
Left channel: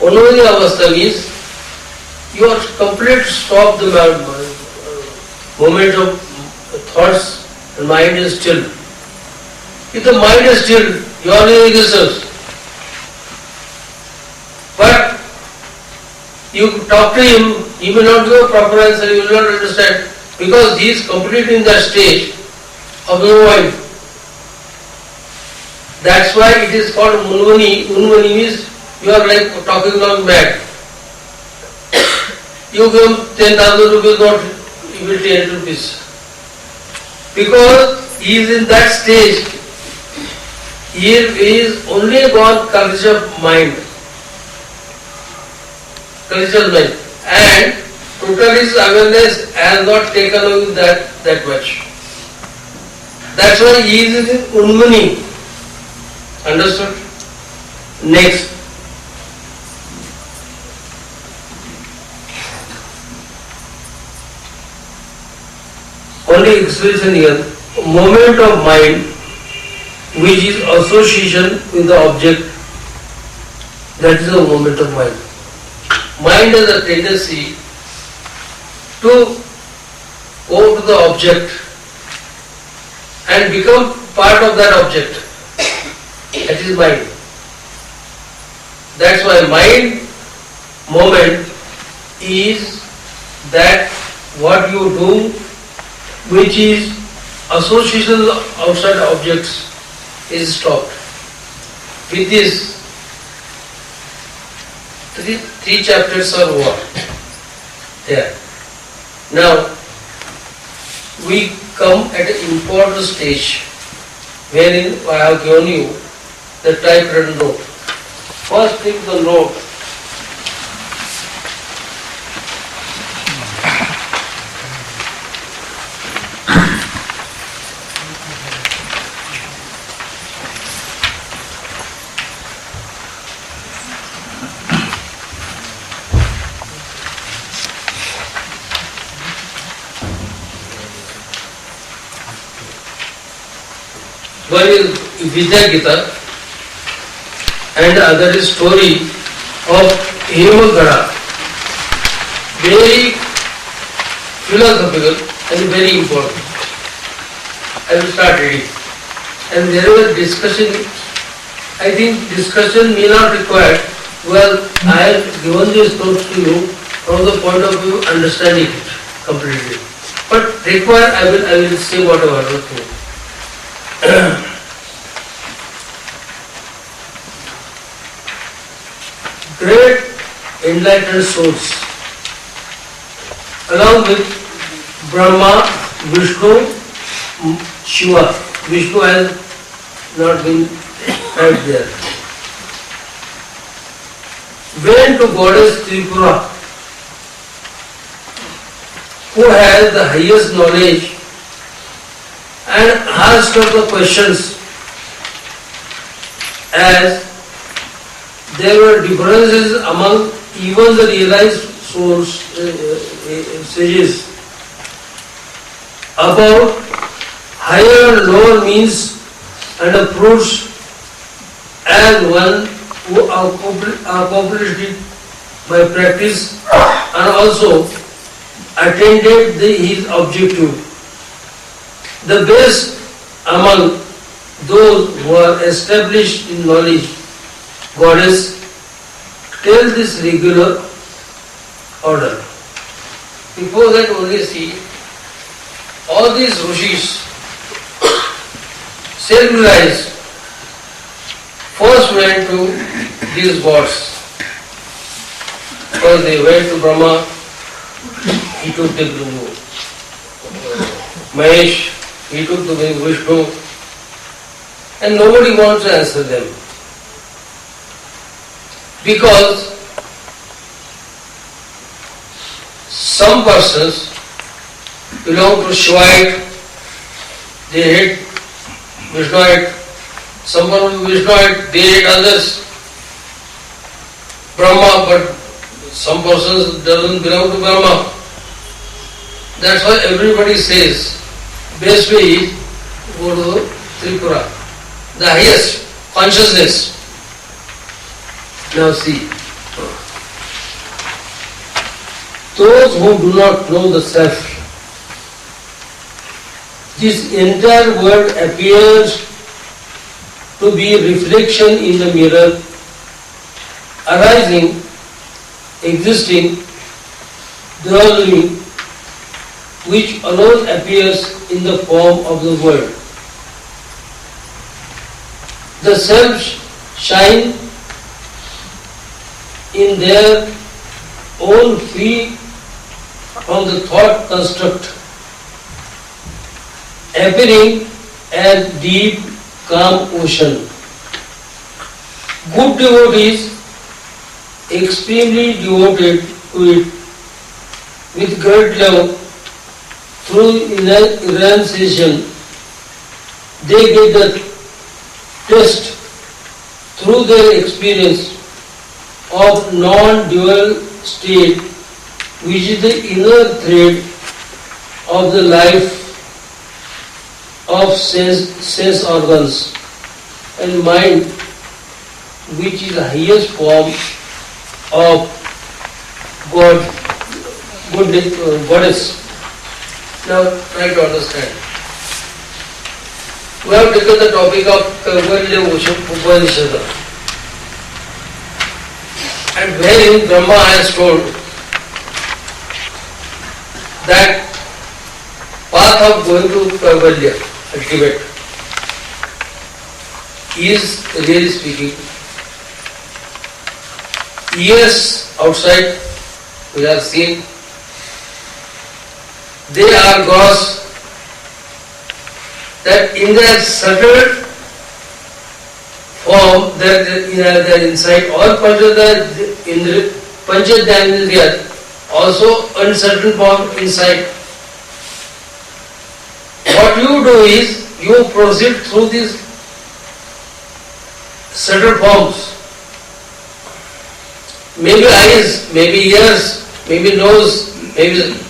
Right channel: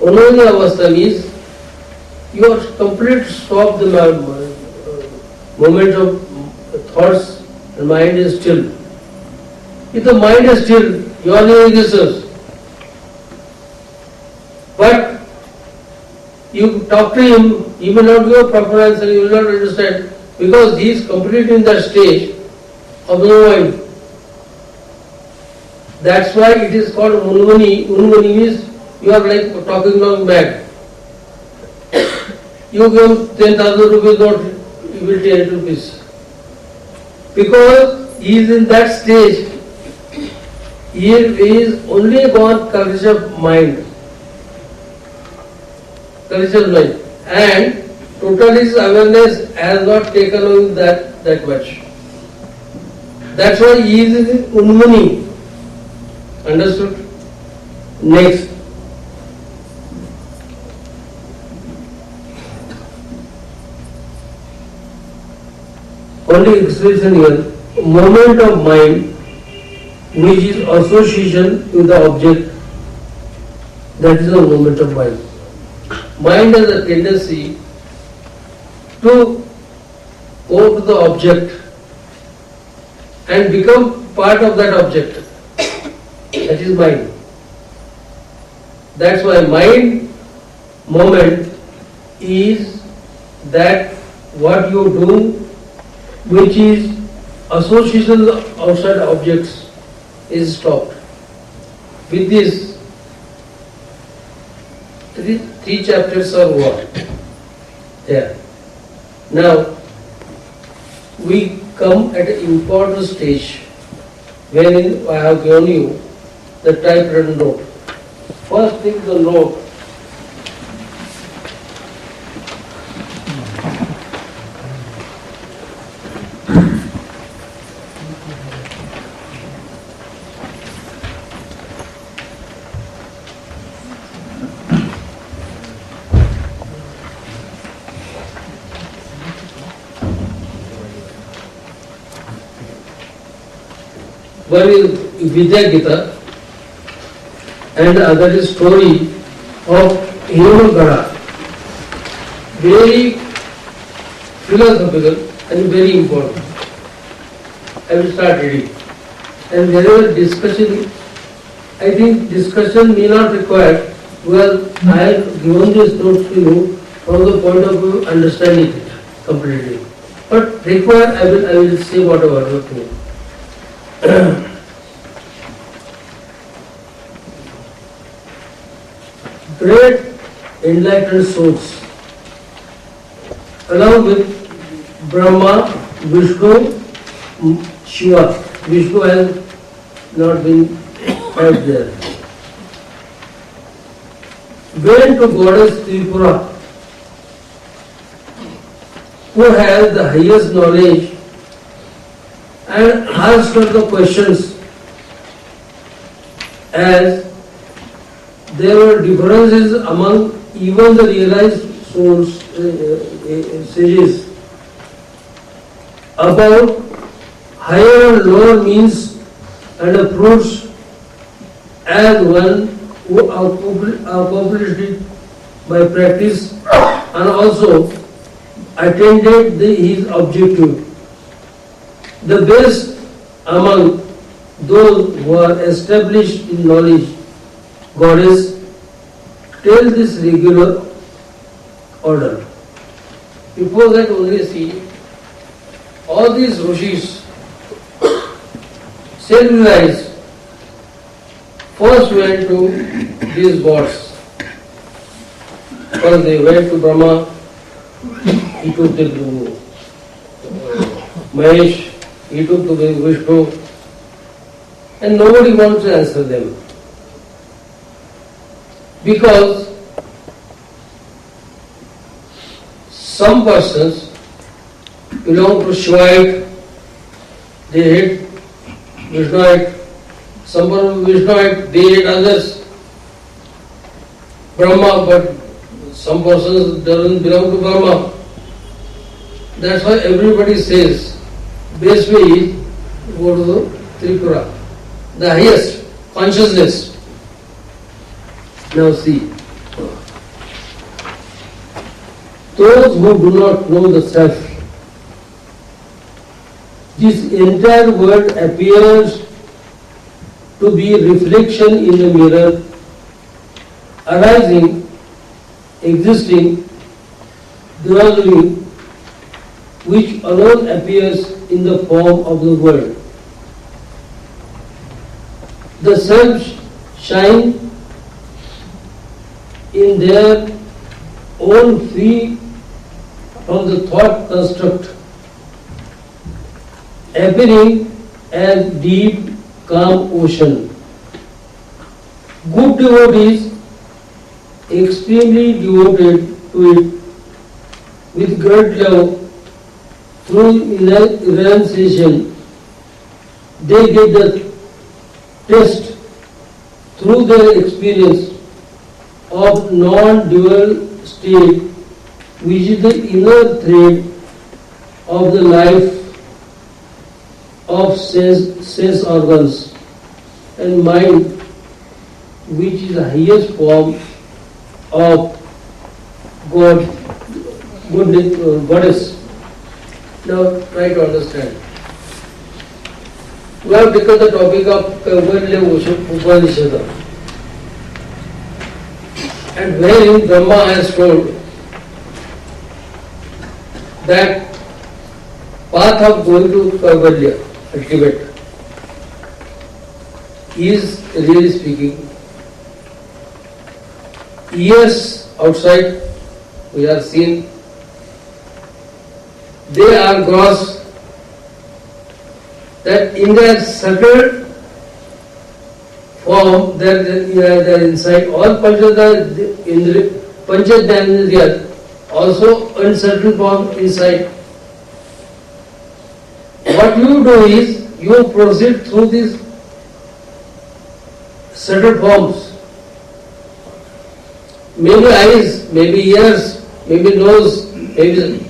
Unmani avastha means you are complete stop the moment of thoughts, the mind is still. If the mind is still, you are in existence. But you talk to him, he may not give a proper answer, you will not understand, because he is completely in that stage of the mind. That's why it is called unmani. Unmani means you are like talking along mad. You give 10,000 rupees note, he will take 10 rupees. Because he is in that stage, he is only gone culture of mind. Cultural mind. And total his awareness has not taken away that much. That's why he is in unmani. Understood? Next. Only expression here, moment of mind which is association with the object, that is the moment of mind. Mind has a tendency to go to the object and become part of that object. That is mind. That's why mind moment is that what you do which is association outside objects is stopped. With this, three chapters are over there. Now, we come at an important stage wherein I have given you the typewritten note. First take the note. One is Vidya Gita and the other is story of Hemagada. Very philosophical and very important. I will start reading. And wherever discussion, I think discussion may not require. Well, I have given this notes to you from the point of view of understanding it completely. But require, I will say whatever thing. Great enlightened souls, along with Brahma, Vishnu, Shiva. Vishnu has not been right there. Went to goddess Tripura, who has the highest knowledge, and asked her the questions as there were differences among even the realized souls, sages, about higher and lower means and fruits, as one who accomplished it by practice and also attended his objective. The best among those who are established in knowledge, goddess, tells this regular order. Before that only see, all these rishis, self-realized, first went to these gods. First they went to Brahma, he took the Mahesh, he took the Vishnu, and nobody wants to answer them. Because some persons belong to Shivite, they hate Vishnuite, some Vishnuite, they hate others, Brahma, but some persons doesn't belong to Brahma. That's why everybody says, best way is go to the Tripura, the highest consciousness. Now see, those who do not know the self, this entire world appears to be a reflection in the mirror, arising, existing, dwelling, which alone appears in the form of the world. The self shine in their own free from the thought construct, appearing as deep, calm ocean. Good devotees, extremely devoted to it, with great love, through renunciation, they get the test through their experience of non-dual state, which is the inner thread of the life of sense organs and mind, which is the highest form of goddess. Now try to understand. We have taken the topic of Kaivalya Upanishad, and wherein Brahma has told that path of going to Kaivalya, ultimate, is really speaking. Yes, outside we have seen they are gods that in their subtle form, their inside, all Panchadhyandriyas also uncertain form inside. What you do is, you proceed through these subtle forms. Maybe eyes, maybe ears, maybe nose, maybe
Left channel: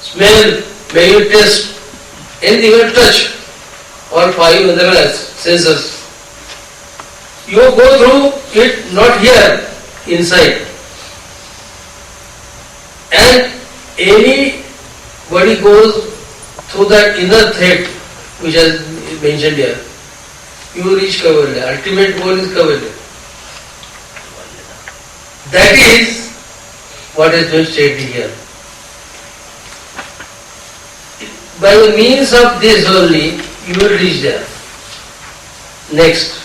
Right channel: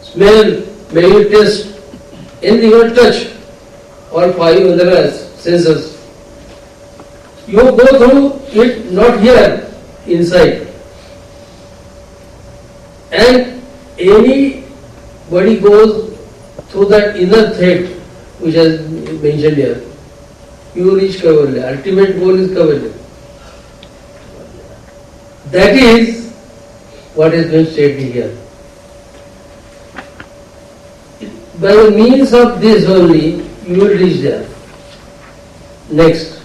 smell, maybe taste, and even touch, or five other senses. You go through it not here, inside. And anybody goes through that inner thread, which is mentioned here, you reach Kaivalya. Ultimate goal is Kaivalya. That is what has been stated here. By the means of this only, you will reach there. Next.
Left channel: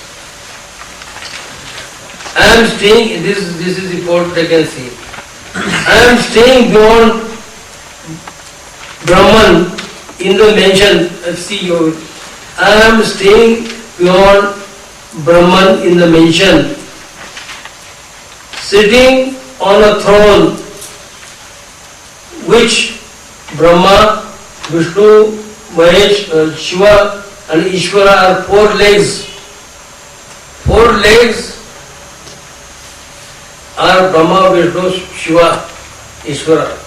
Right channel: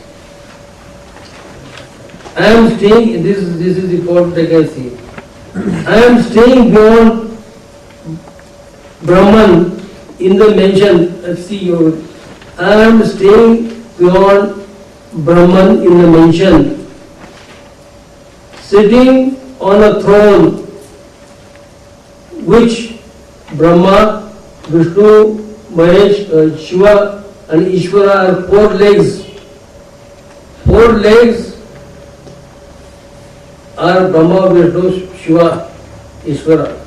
I am staying, this is important, I can see. I am staying beyond Brahman in the mention, see you. I am staying beyond Brahman in the mention, sitting on a throne which Brahma, Vishnu, Mahesh, Shiva and Ishvara are 4 legs. 4 legs are Brahma, Vishnu, Shiva, Ishvara.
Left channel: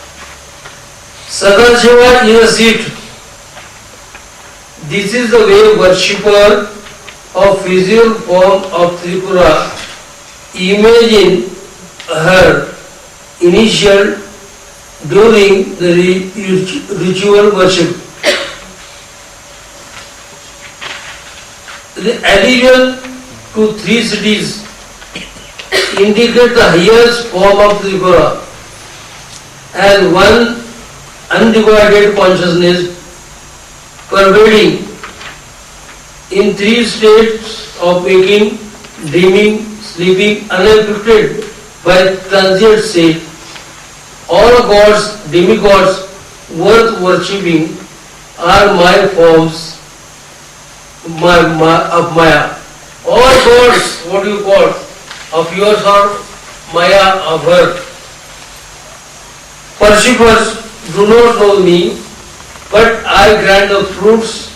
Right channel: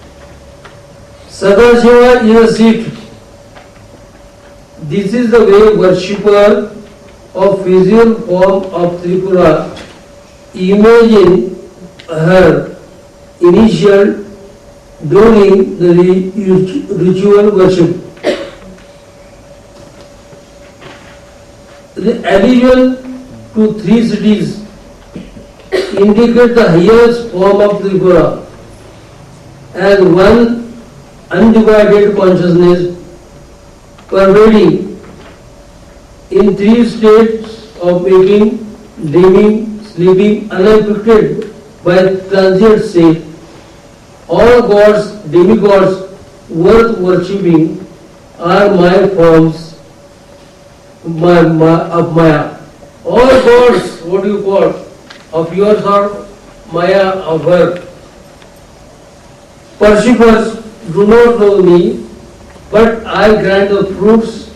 Sadashiva is a seat. This is the way worshipper of physical form of Tripura imagine her initial during the ritual worship. The allusion to 3 cities indicate the highest form of Tripura as one undivided consciousness pervading in 3 states of waking, dreaming, sleeping, unaffected by transient state. All gods, demigods worth worshipping are my forms of Maya. All gods, what you call, of yours are Maya of her. Worshippers do not know me, but I grant the fruits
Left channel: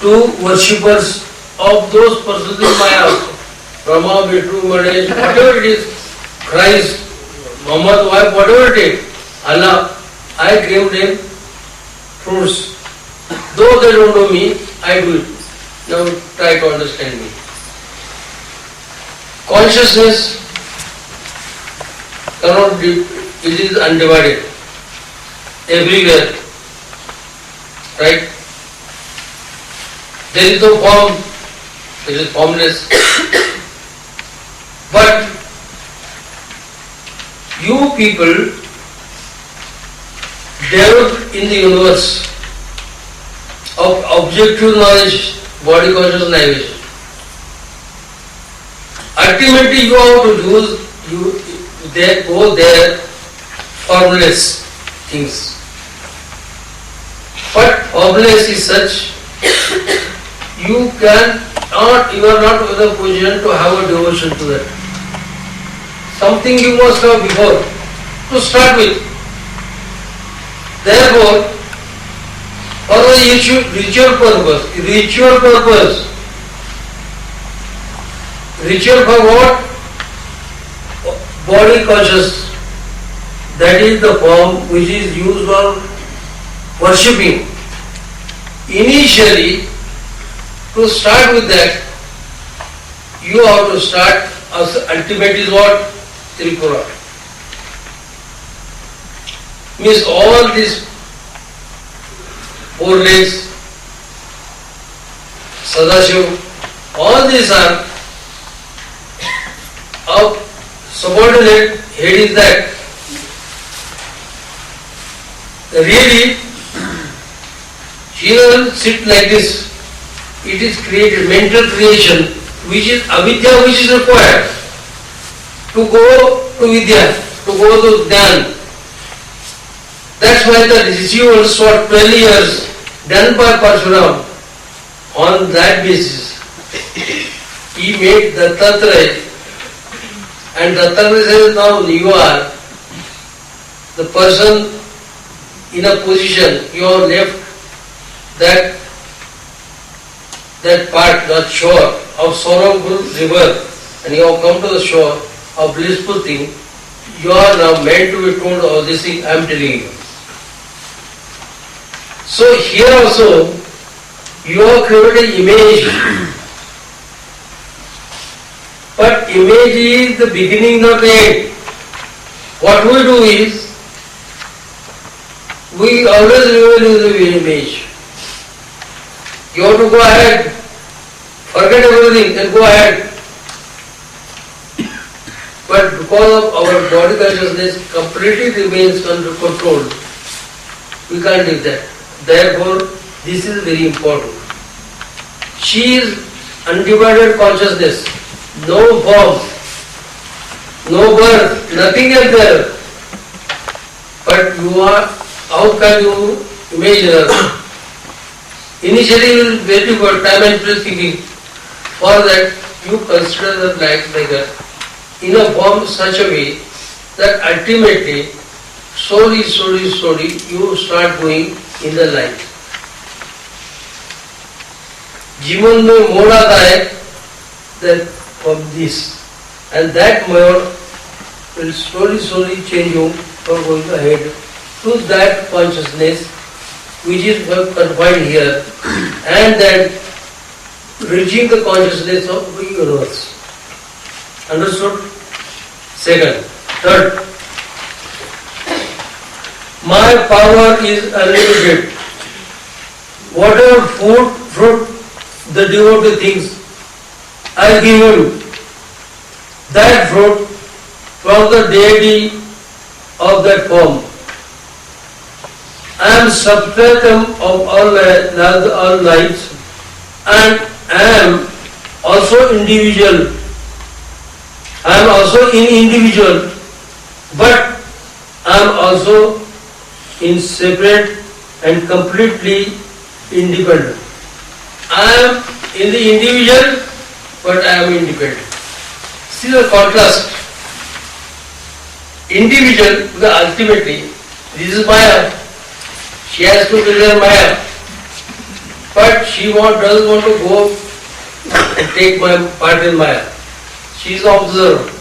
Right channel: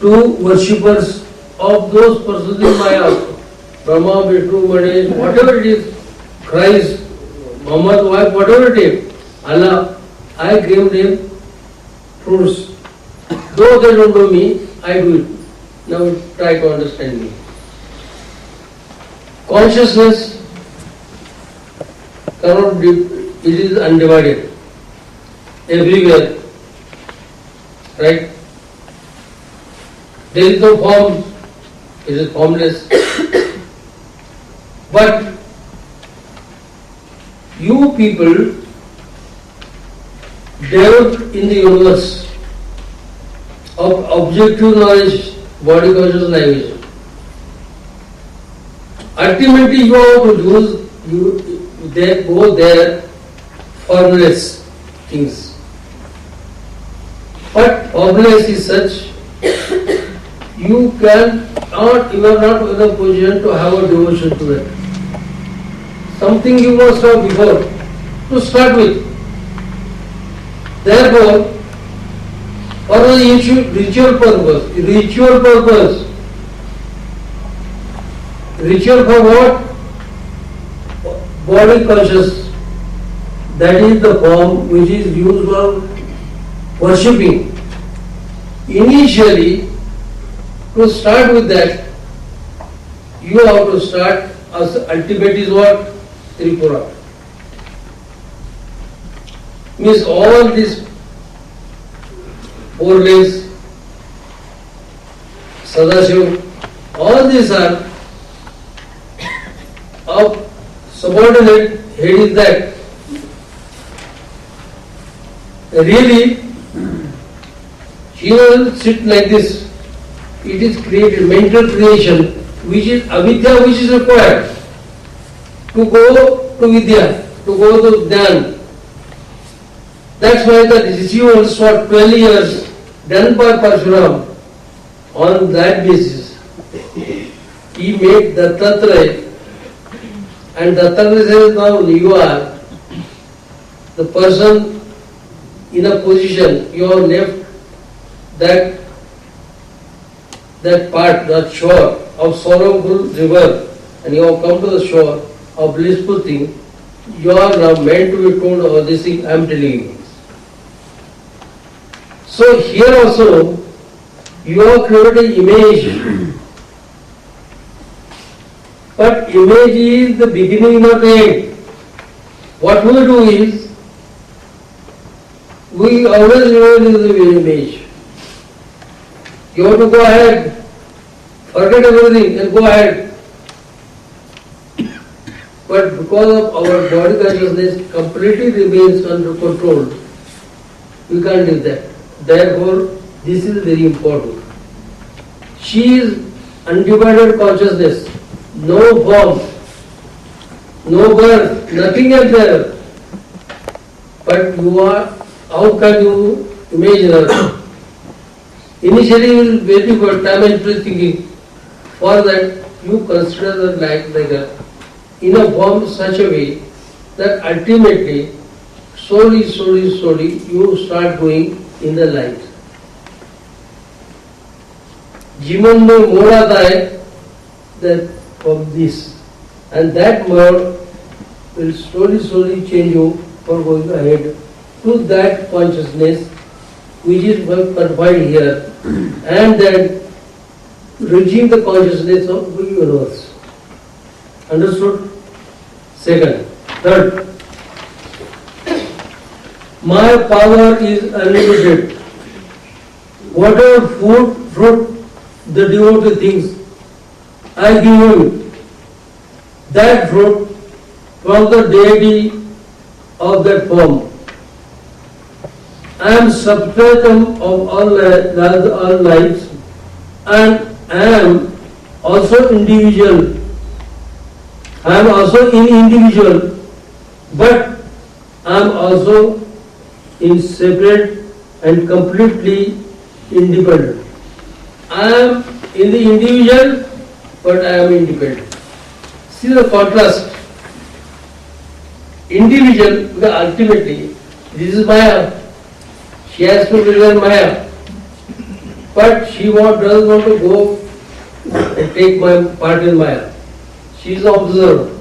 to worshippers of those persons in Maya. Brahma, Vishnu, Mahesh, whatever it is, Christ, Muhammad, wife, whatever it is, Allah, I give them fruits. Though they don't know me, I do it. Now try to understand me. Consciousness cannot be, it is undivided. Everywhere. Right? There is no form, it is formless. But you people developed in the universe of objective knowledge, body conscious navigation. Ultimately you have to use, they go there formless things. But formless is such, you are not in a position to have a devotion to that. Something you must have before to start with. Therefore, for the ritual purpose, ritual for what? Body conscious. That is the form which is used for worshipping. Initially, to start with that, you have to start, as ultimate is what? Tripura. Means all these 4 legs, Sadashiva, all these are of subordinate head is that. Really, she doesn't sit like this. It is created, mental creation, which is avidya, which is required to go to vidya, to go to dhyan. That's why the rituals for 12 years done by Parshuram, on that basis, he made Dattatreya, and Dattatreya says, now you are the person in a position, you have left that part, that shore of sorrowful river, and you have come to the shore of blissful thing. You are now meant to be told all this thing I am telling you. So here also, you have created an image, but image is the beginning, not the end. What we do is, we always remain in the image. You have to go ahead, forget everything and go ahead. but because of our body consciousness completely remains under control, we can't do that. Therefore, this is very important. She is undivided consciousness, no form, no birth, nothing else there. But you are, how can you imagine her? Initially you will wait for time and place thinking. For that you consider the like a, in a form such a way that ultimately, slowly you start going in the light. जीवन में मोड़ आता है that from this, and that mode will slowly change you for going ahead to that consciousness which is confined here, and then reaching the consciousness of the universe. Understood? Second. Third. My power is unlimited. Whatever food, fruit the devotee thinks, I give him that fruit from the deity of that form. I am substratum of all lights, and I am also individual. I am also individual, but I am also in separate and completely independent. I am in the individual, but I am independent. See the contrast. Individual, because ultimately, this is Maya. She has to realize Maya. But she doesn't want to go and take my part in Maya. She is observer.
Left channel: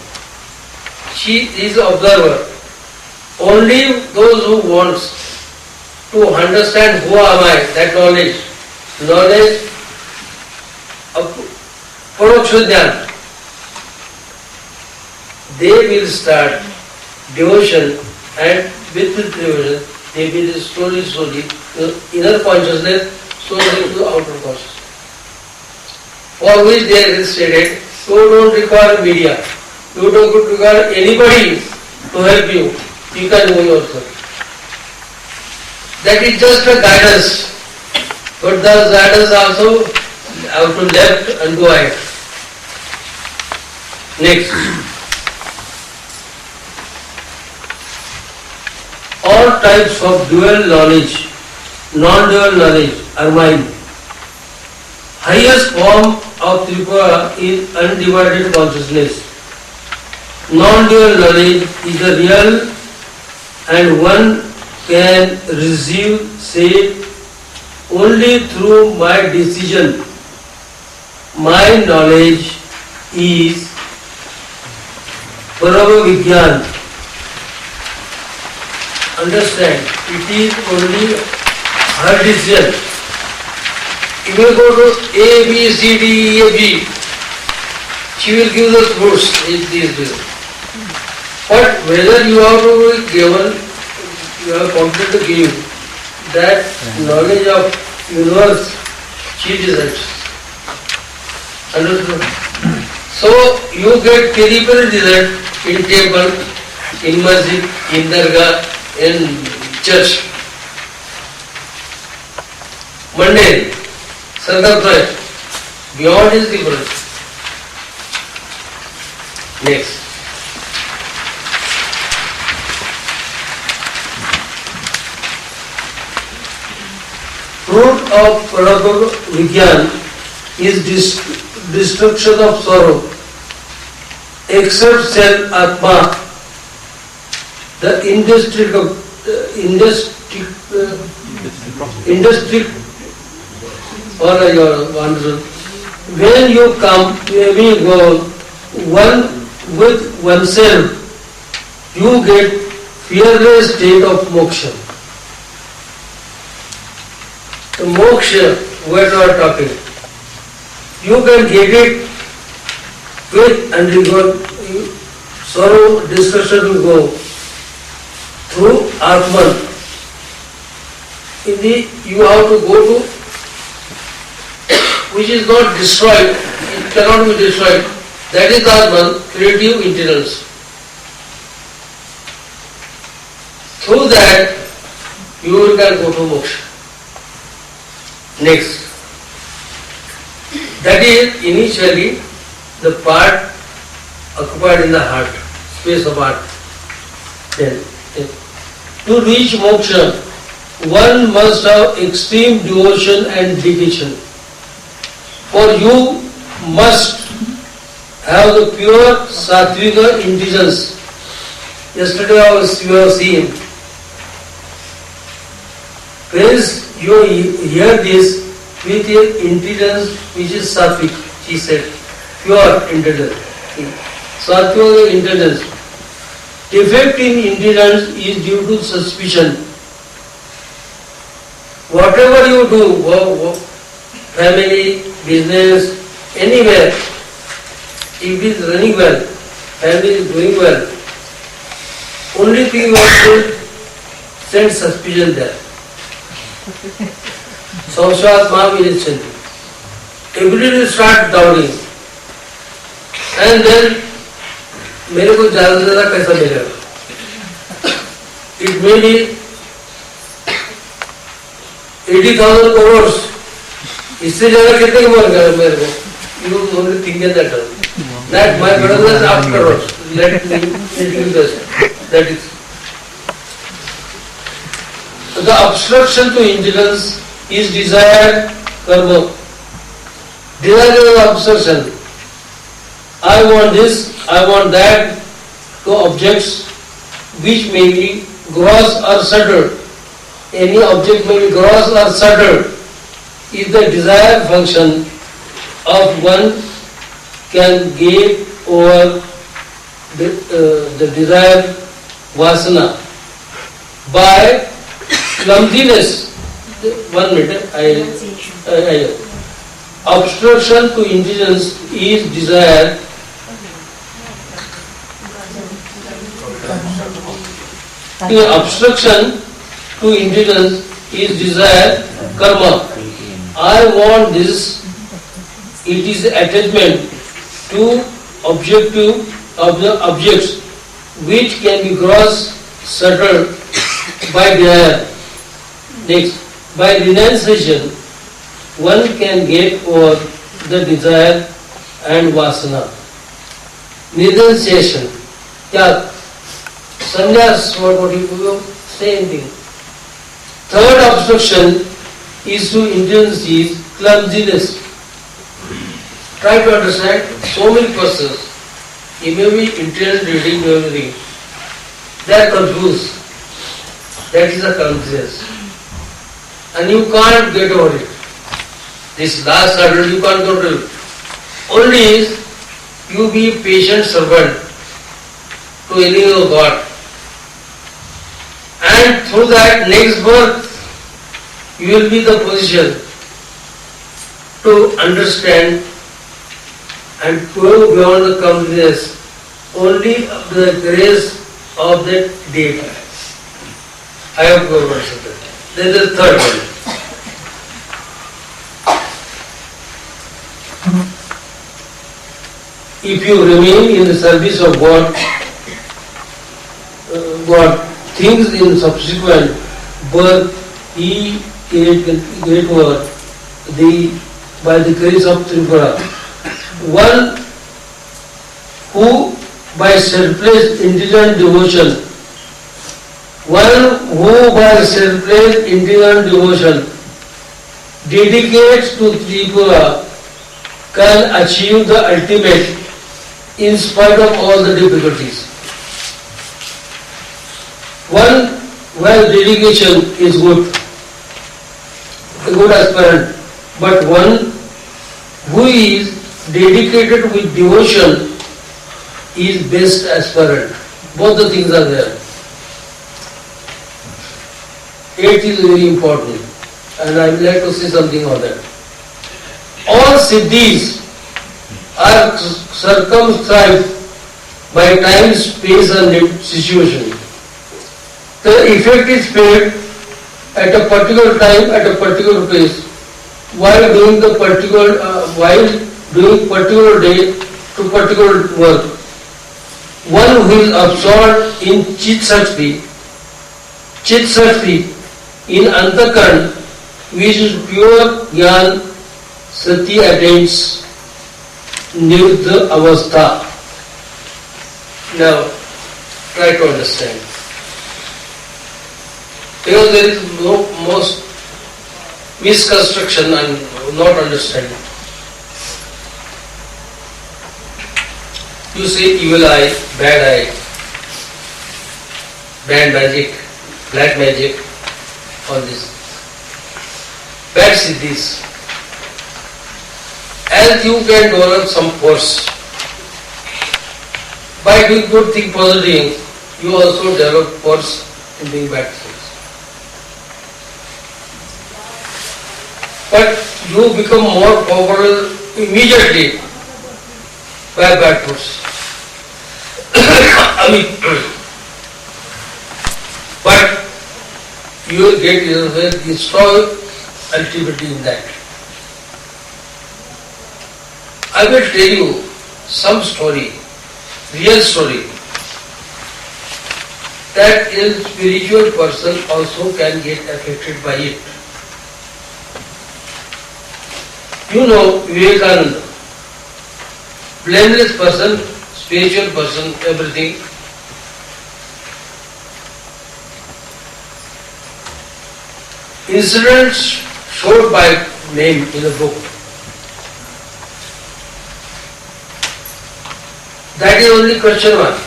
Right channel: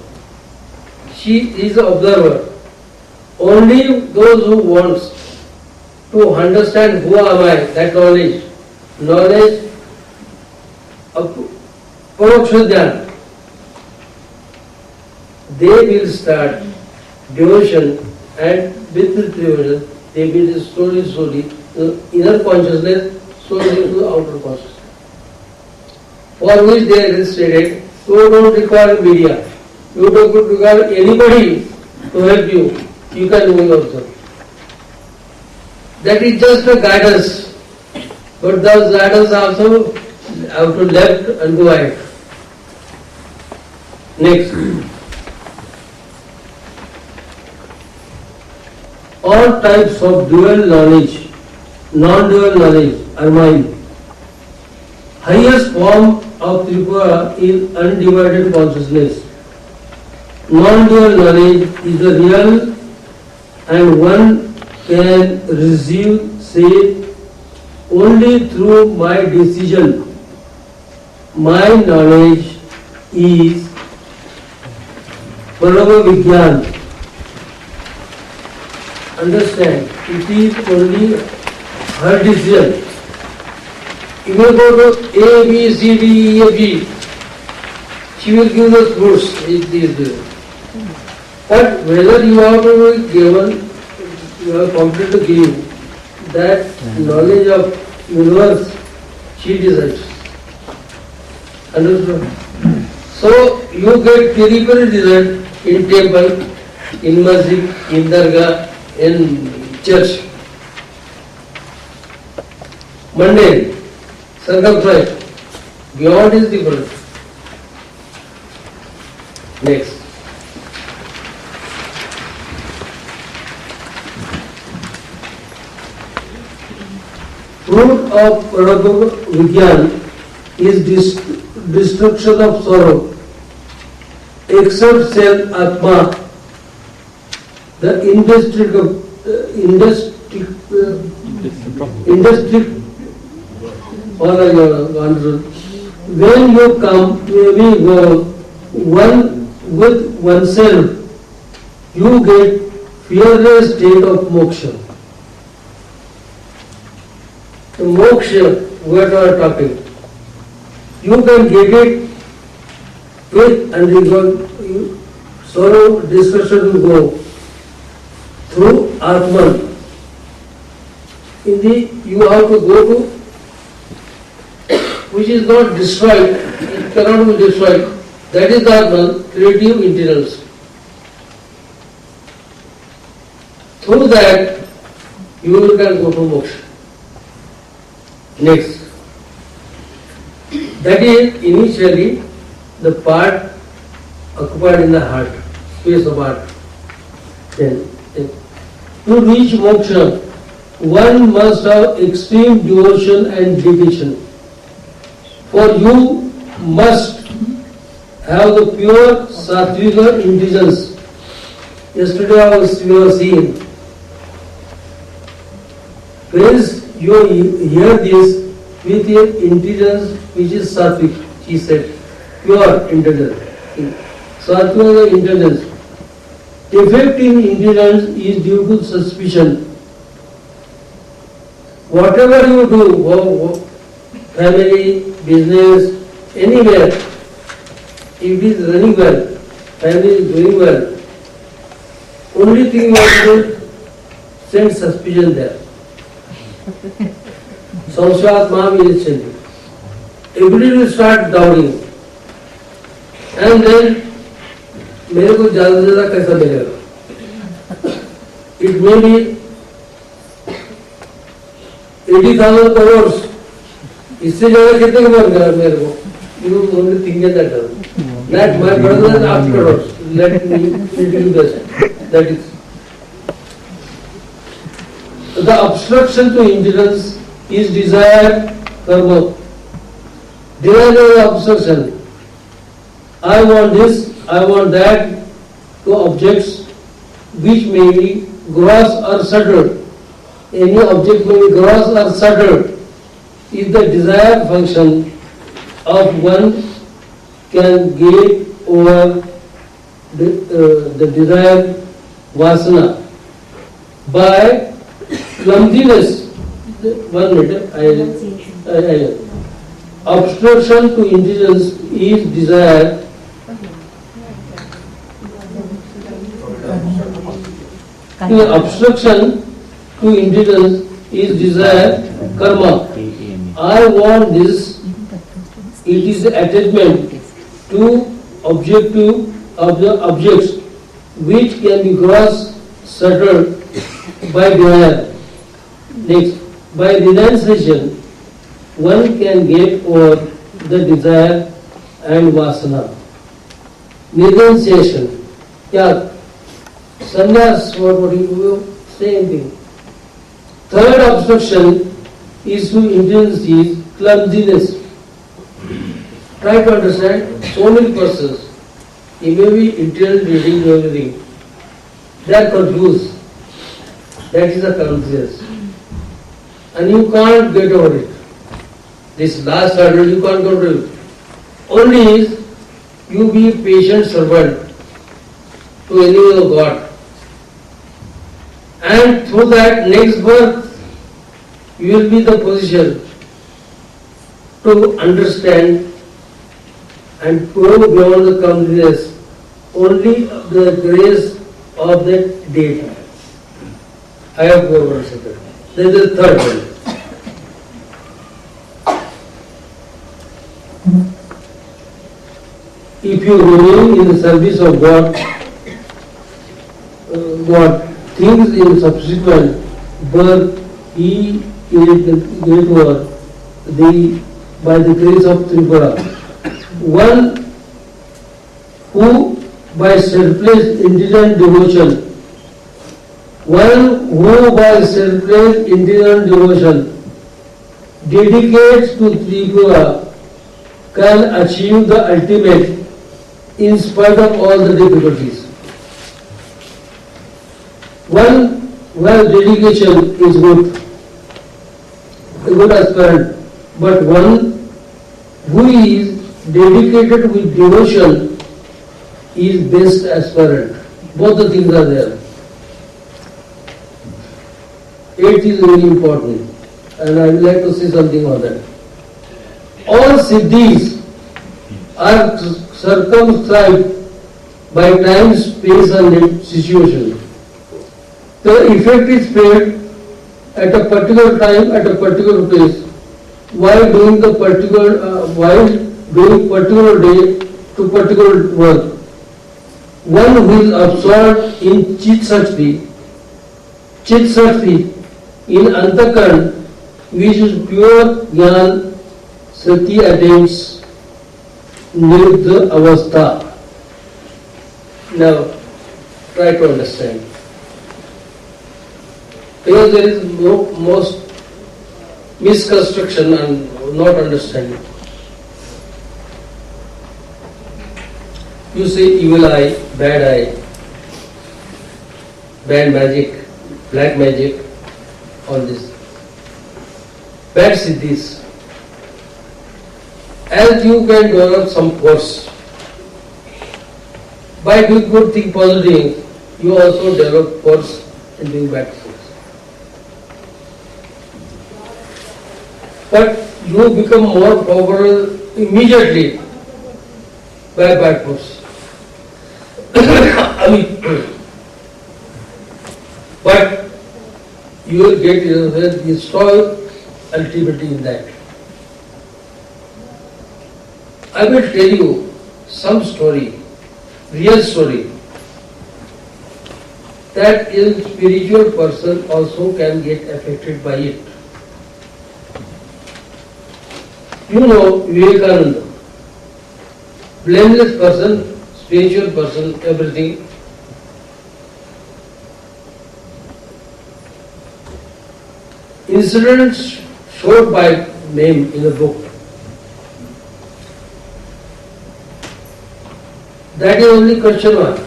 She is observer. Only those who want to understand who am I, that knowledge of Paroksha Jnana, they will start devotion, and with this devotion, they will slowly, the inner consciousness, slowly to the outer consciousness. For which they are stated, you don't require media, you don't require anybody to help you, you can do yourself. That is just a guidance, but the guidance also have to left and go ahead. Next. All types of dual knowledge, non-dual knowledge are mine. Highest form of Tripura is undivided consciousness. Non-dual knowledge is the real, and one can receive, say, only through my decision. My knowledge is Parava Vigyan. Understand, it is only her decision. If you go to A, B, C, D, E, F, G, she will give the fruits. But whether you have to be given, you have committed to give that knowledge of universe, she decides. Understood? So you get peripheral result in temple, in masjid, in dargah, in church. Mundane, circumference, beyond is different. Next. Fruit of Parabhava Vigyan is destruction of sorrow. Except self Atma, the when you come to every goal, one with oneself, you get fearless state of moksha. The moksha, we are talking. You can get it with and sorrow, discussion will go through Atman. You have to go to which is not destroyed, it cannot be destroyed. That is Atman, creative internals. Through that, you can go to moksha. Next. That is initially the part occupied in the heart, space of heart. Then, to reach moksha, one must have extreme devotion and dedication. For you must have the pure sattvika intelligence. Yesterday we have seen. Friends, you hear this with your intelligence which is sattvic, she said, pure intelligence. Sattvika intelligence. Defect in intelligence is due to suspicion. Whatever you do, family, business, anywhere, if it is running well, family is doing well, only thing you have to send suspicion there. Samvad Mahavirachanti. Everybody will start doubting. And then, मेरे को ज़्यादा से ज़्यादा कैसा मिलेगा? It may be 80,000 crores. इससे ज़्यादा कितने की मार गया मेरे को? You only think that. That my brother is afterwards. Let me do this. That is. The obstruction to intelligence is desired karma. Desire is obstruction. I want this, I want that, to objects which may be gross or subtle. Any object may be gross or subtle. If the desire function of one can get over the desired vasana by clumsiness. 1 minute, obstruction to intelligence is desire. The obstruction to intelligence is desire, karma. I want this. It is attachment to objects which can be gross, subtle by desire. Next, by renunciation, one can get over the desire and vasana. Renunciation. Yeah. Sannyas, what do you say anything? Third obstruction is to intelligence is clumsiness. Try to understand so many persons. You may be intelligent reading everything. They are confused. That is a clumsiness. And you can't get over it. This last hurdle you can't go to it. Only is you be patient servant to any of God. And through that next birth, you will be the position to understand and go beyond the clumsiness only the grace of that deity. I have gone over that. This is the third one. If you remain in the service of God, things in subsequent birth, He get over by the grace of Tripura. One who by selfless intelligent devotion, dedicates to Tripura can achieve the ultimate in spite of all the difficulties. One where dedication is good, a good aspirant, but one who is dedicated with devotion is best aspirant. Both the things are there. 8 is very important, and I would like to say something on that. All siddhis are circumscribed by time, space and situation. The effect is felt at a particular time, at a particular place, while doing particular day to particular work. One who is absorbed in Chit Shakti Chit Shakti, in Antakan, which is pure Jnana, Sati attains Nirudha Avastha. Now, try to understand. Because there is no most misconstruction and not understanding. You say evil eye, bad magic, black magic, all this. Bad siddhis. As you can develop some force, by doing good thing, positive, you also develop force in doing bad things. But you become more powerful immediately by bad force. But you will get yourself destroyed ultimately in that. I will tell you some story, real story, that a spiritual person also can get affected by it. You know Vivekananda, blameless person, spiritual person, everything. Incidents showed by name in a book. That is only question one.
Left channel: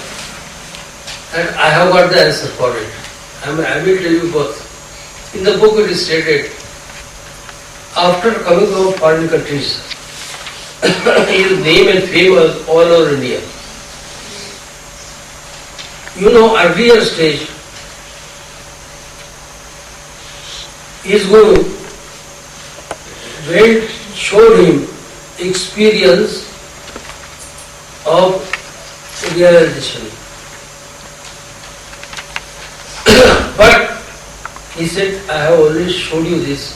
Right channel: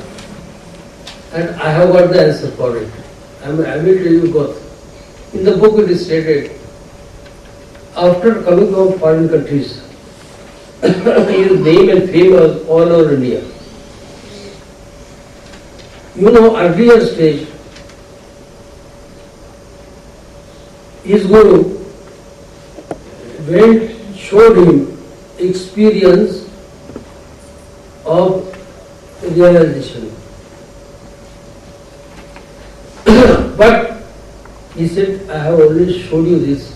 And I have got the answer for it. I will tell you both. In the book it is stated, after coming from foreign countries, his name and fame was all over India. You know, earlier stage, his guru showed him experience of realization. But he said, I have already showed you this.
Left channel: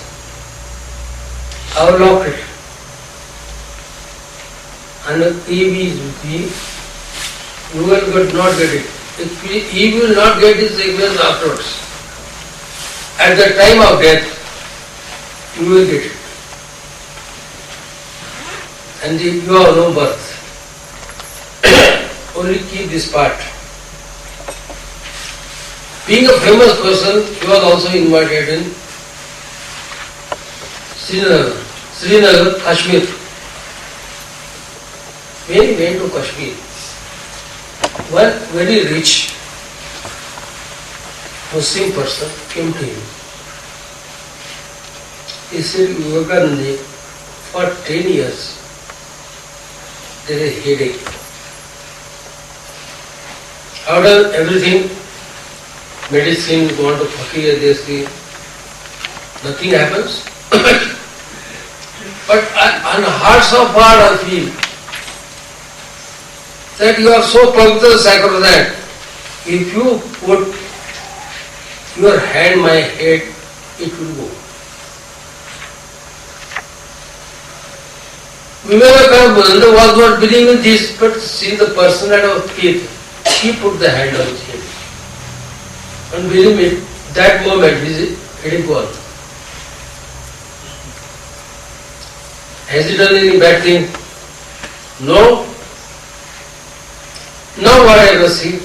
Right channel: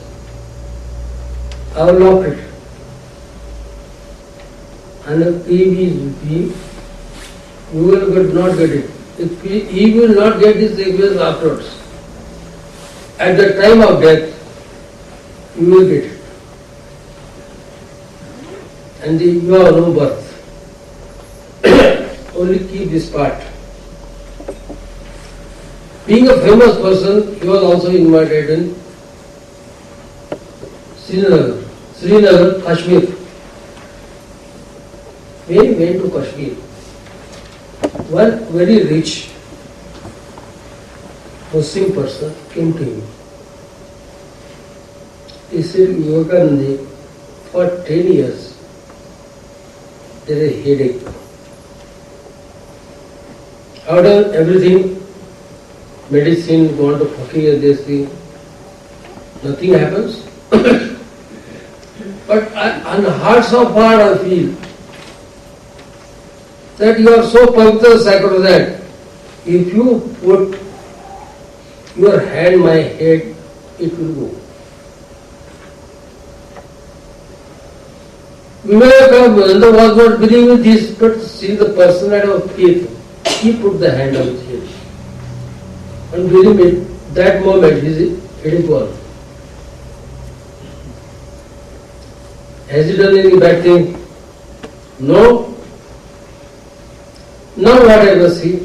I have locked it. And if he is with me, you will not get it. If he will not get his experience afterwards. At the time of death, you will get it. And you have no birth. Only keep this part. Being a famous person, he was also invited in Srinagar, Kashmir. When he went to Kashmir, one very rich Muslim person came to him. He said, Vivekananda, for 10 years, there is a headache. After everything, medicine, gone to fakir, they see, nothing happens. But on hearts of heart I feel that you are so pavitra sacrosanct. If you put your hand my head, it will go. Vivekananda was not believing this, but see the personality of faith. He put the hand on his head. And believe me, that moment his head gone. Has he done any bad thing? No. Now what I must see?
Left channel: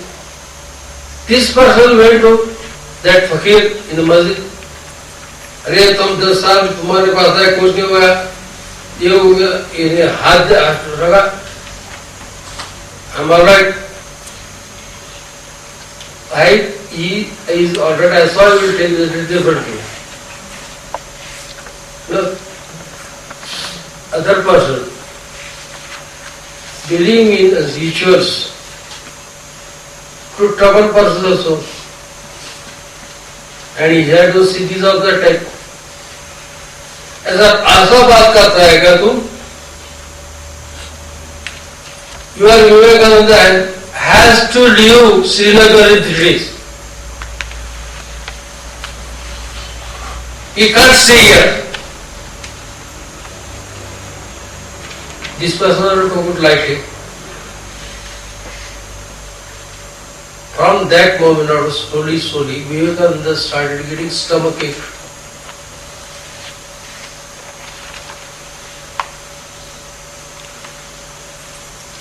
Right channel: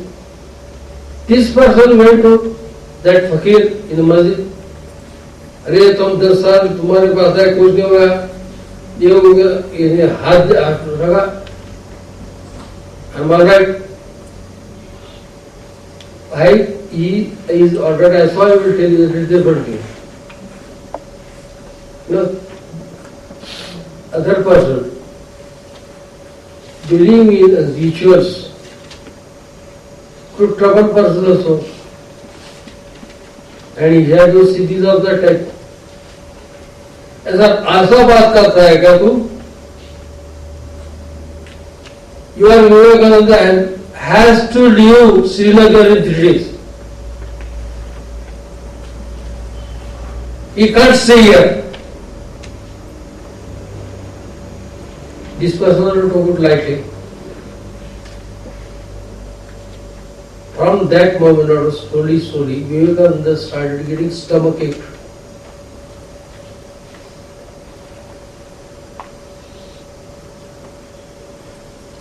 This person went to that fakir in the masjid. अरे तुम 10 साल तुम्हारे पास है कुछ नहीं हुआ ये हो गया इन्हें हाथ रखा I'm alright. He is already, I saw, I will tell you it differently. Look, other person believing in rituals to trouble person also. And he had those cities of that type. ऐसा आशा बात करता है क्या तुम? Your Vivekananda has to leave Srinagar in 3 days. He can't stay here. This person will took it lightly. From that moment on, slowly, Vivekananda started getting stomachache.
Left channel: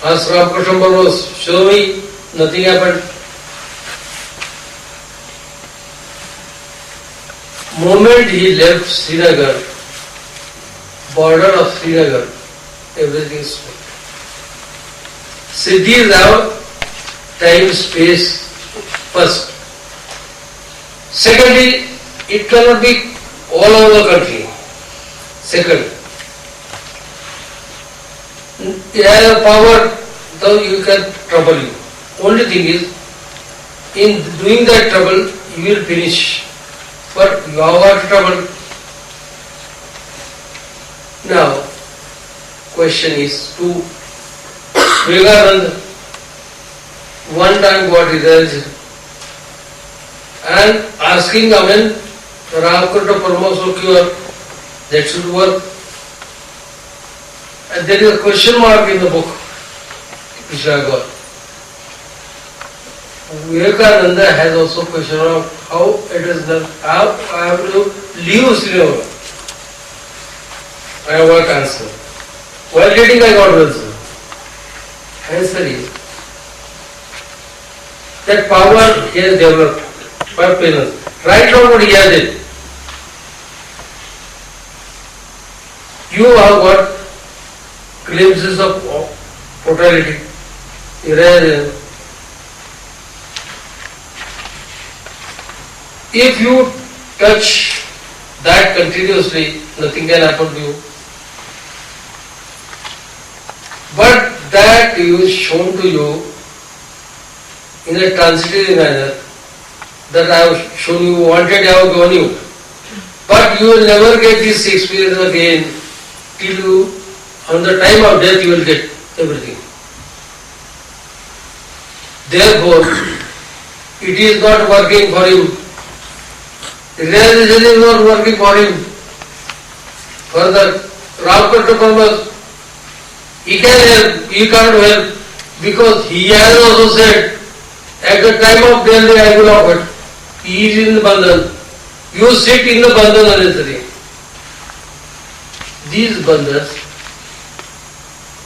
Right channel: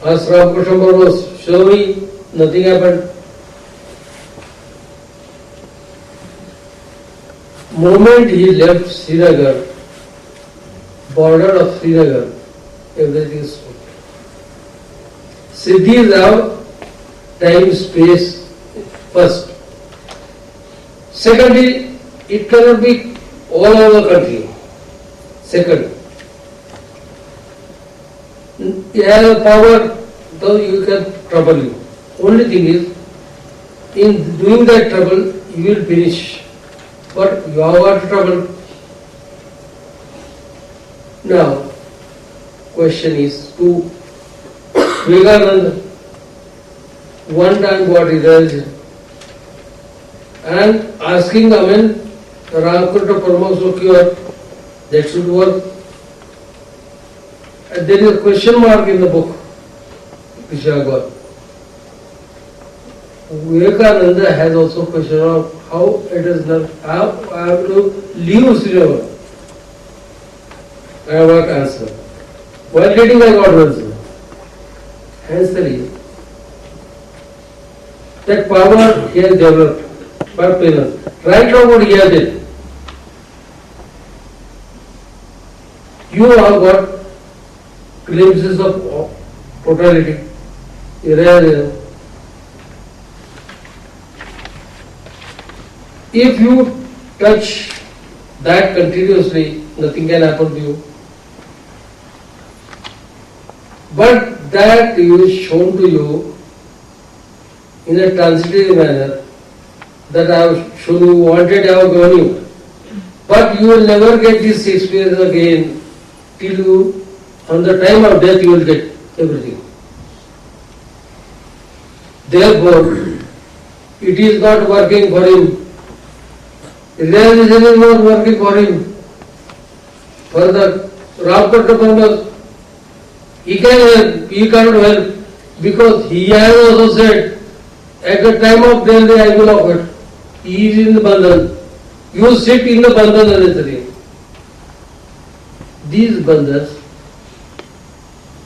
As Ramakrishna was showing me, nothing happened. Moment he left Srinagar, border of Srinagar, everything is stopped. Siddhis have time, space first. Secondly, it cannot be all over the country. Second, you have power, though you can trouble you. Only thing is, in doing that trouble, you will finish. But you have got trouble. Now, question is to Vivekananda. One time got realized and asking Amen, Ramakrishna Paramahamsa cure, that should work. And there is a question mark in the book which I got. Vivekananda has also question of how it is done, how I have to leave Srinagar. I have got answer. While reading I got answer. Answer is that power he has developed by penance. Right now what he has did. You have got glimpses of totality. If you touch that continuously, nothing can happen to you. But that is shown to you in a transitory manner, that I have shown you, wanted, I have given you. But you will never get this experience again till you, on the time of death, you will get everything. Therefore, it is not working for him. Realization is not working for him. Further, Ramakrishna Paramahamsa, he can help, he can't help, because he has also said, at the time of death, I will offer. He is in the bandhan. You sit in the bandhan necessary. These bandhans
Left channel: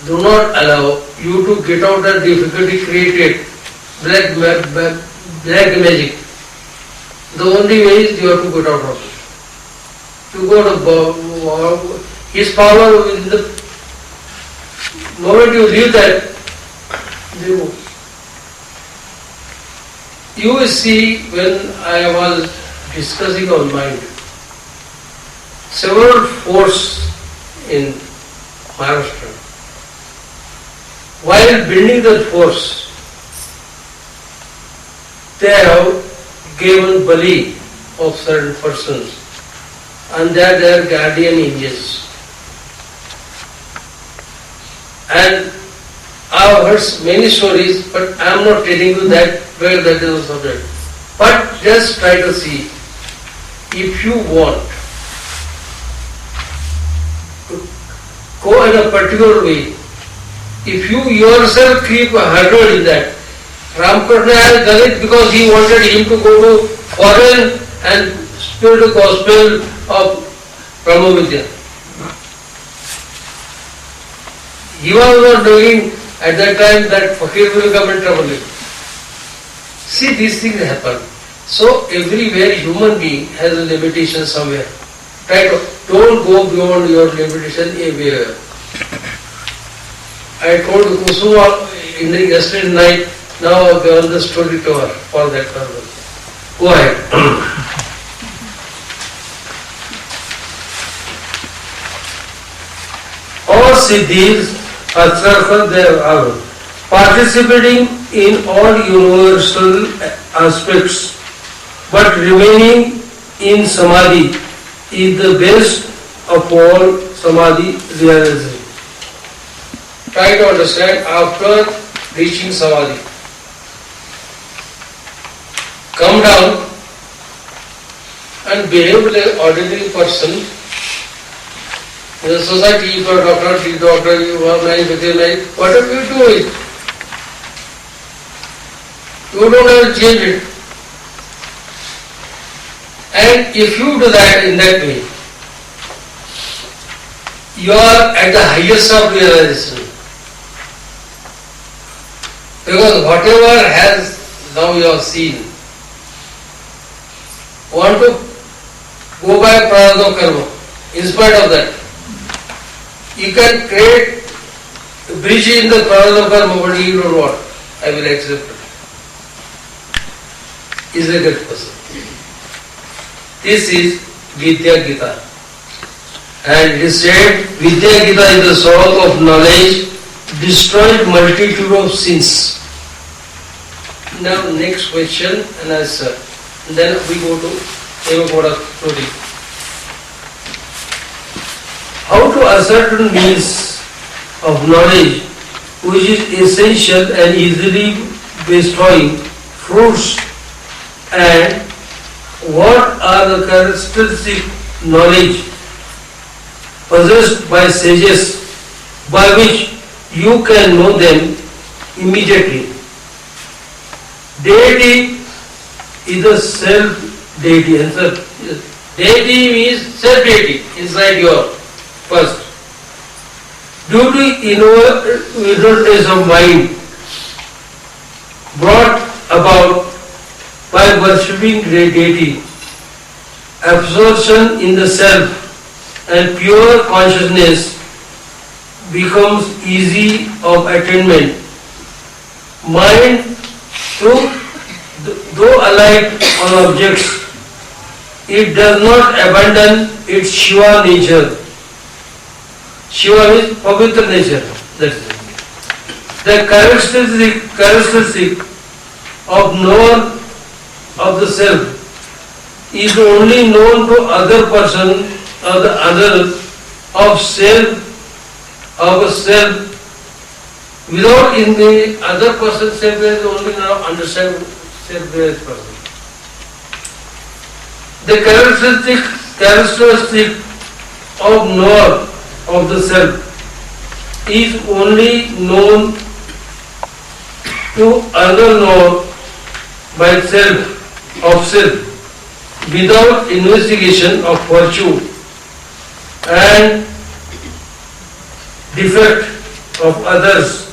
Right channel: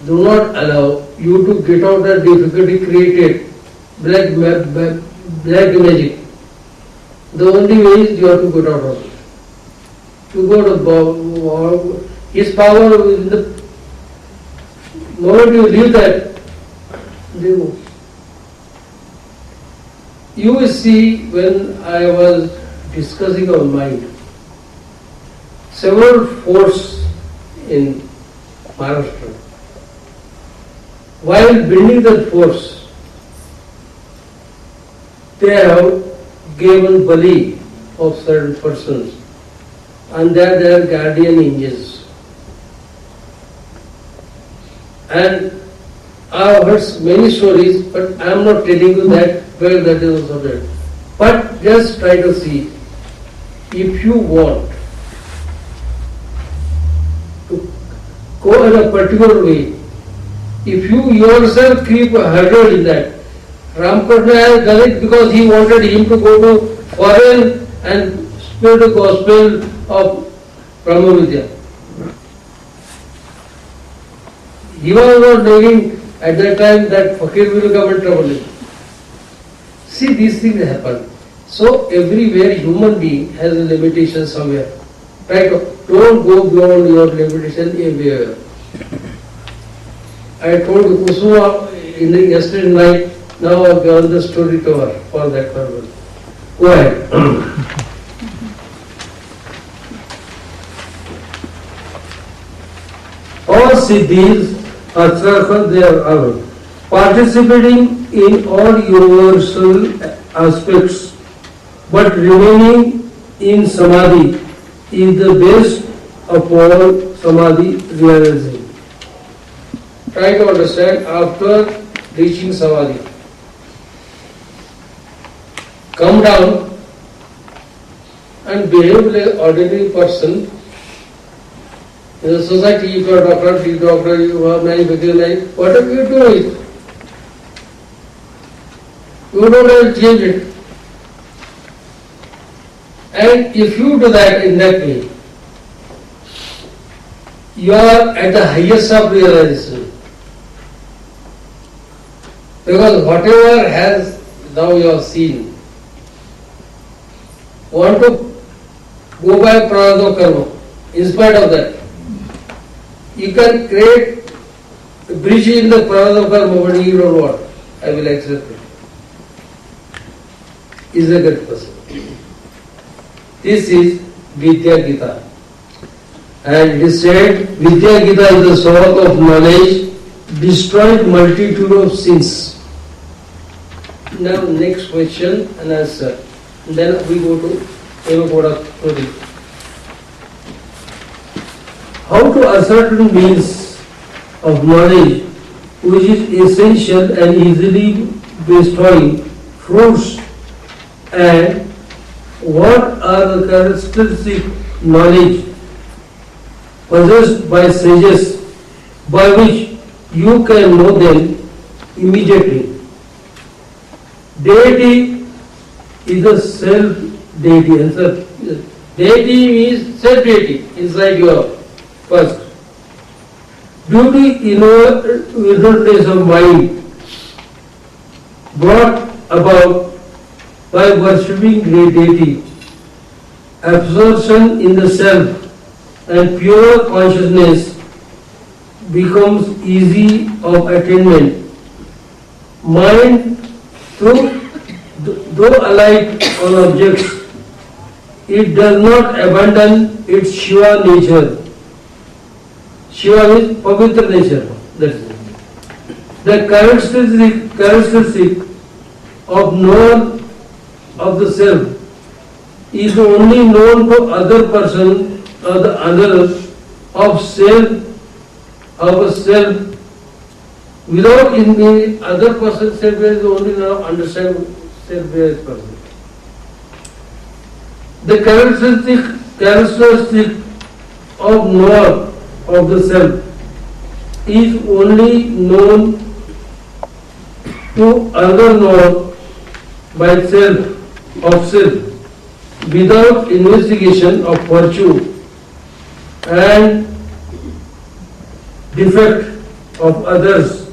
do not allow you to get out the difficulty created, black magic. The only way is you have to get out of it. To go to his power in the moment you leave that, you will see when I was discussing on mind, several forts in Maharashtra. While building the forts, they have given bali of certain persons, and they are their guardian angels. And I have heard many stories, but I am not telling you that where that is also there. But just try to see, if you want to go in a particular way, if you yourself keep a hurdle in that, Ramakrishna has done it because he wanted him to go to foreign and spread the gospel of Brahma-Vidya. He was not doing at that time that fakir will come and trouble you. See, these things happen. So everywhere human being has a limitation somewhere. Try to, don't go beyond your limitation everywhere. I told Kusuma in the yesterday night, now I have given the story to her for that purpose. Go ahead. All siddhis, asarthas, they are participating in all universal aspects, but remaining in samadhi is the best of all samadhi realization. Try to understand after reaching samadhi. Come down and behave like an ordinary person. In the society, if you are doctor, you have nice with your life, whatever you do it. You don't have to change it. And if you do that in that way, you are at the highest of realization. Because whatever has now you have seen, want to go by prarabdha karma. In spite of that, you can create a bridge in the prarabdha karma, but you don't want. I will accept it. Is a good person. This is Vidya Gita. And it is said, Vidya Gita is the source of knowledge, destroyed multitude of sins. Now next question and answer. And then we go to Evakoda Prodi. How to ascertain means of knowledge which is essential and easily bestowing fruits, and what are the characteristic knowledge possessed by sages by which you can know them immediately? Deity is a self-deity. Answer. Deity means self-deity inside your first. Due to inertness of mind brought about by worshipping great deity, absorption in the self and pure consciousness becomes easy of attainment. Mind, though alike on objects, it does not abandon its Shiva nature. Shiva means Pavitra nature. That's it. The characteristic of knower of the self is only known to other person or the other of a self. Without in the other person's self, there is only now understand self-realized person. The characteristic of knower of the self is only known to other knower by self of self without investigation of virtue and defect of others.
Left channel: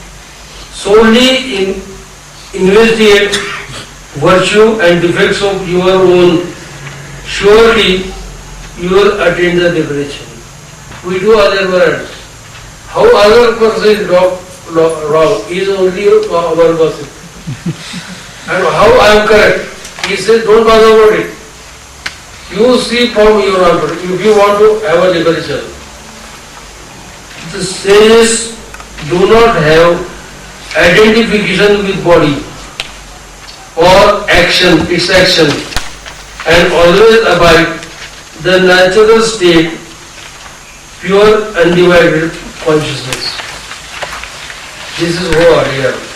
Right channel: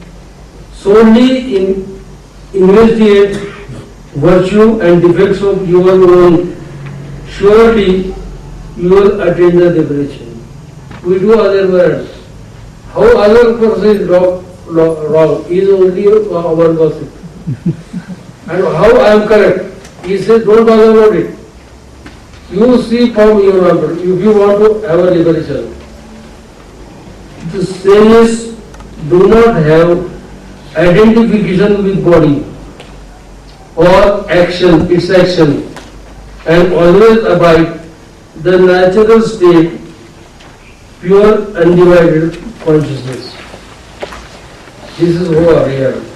Solely investigate virtue and defects of your own. Surely you will attain the liberation. We do other words. How other person is wrong is only our gossip. And how I am correct, he says don't bother about it. You see from your number if you want to have a liberation. The sages do not have identification with body or action, its action, and always abide the natural state, pure undivided consciousness. This is who I am.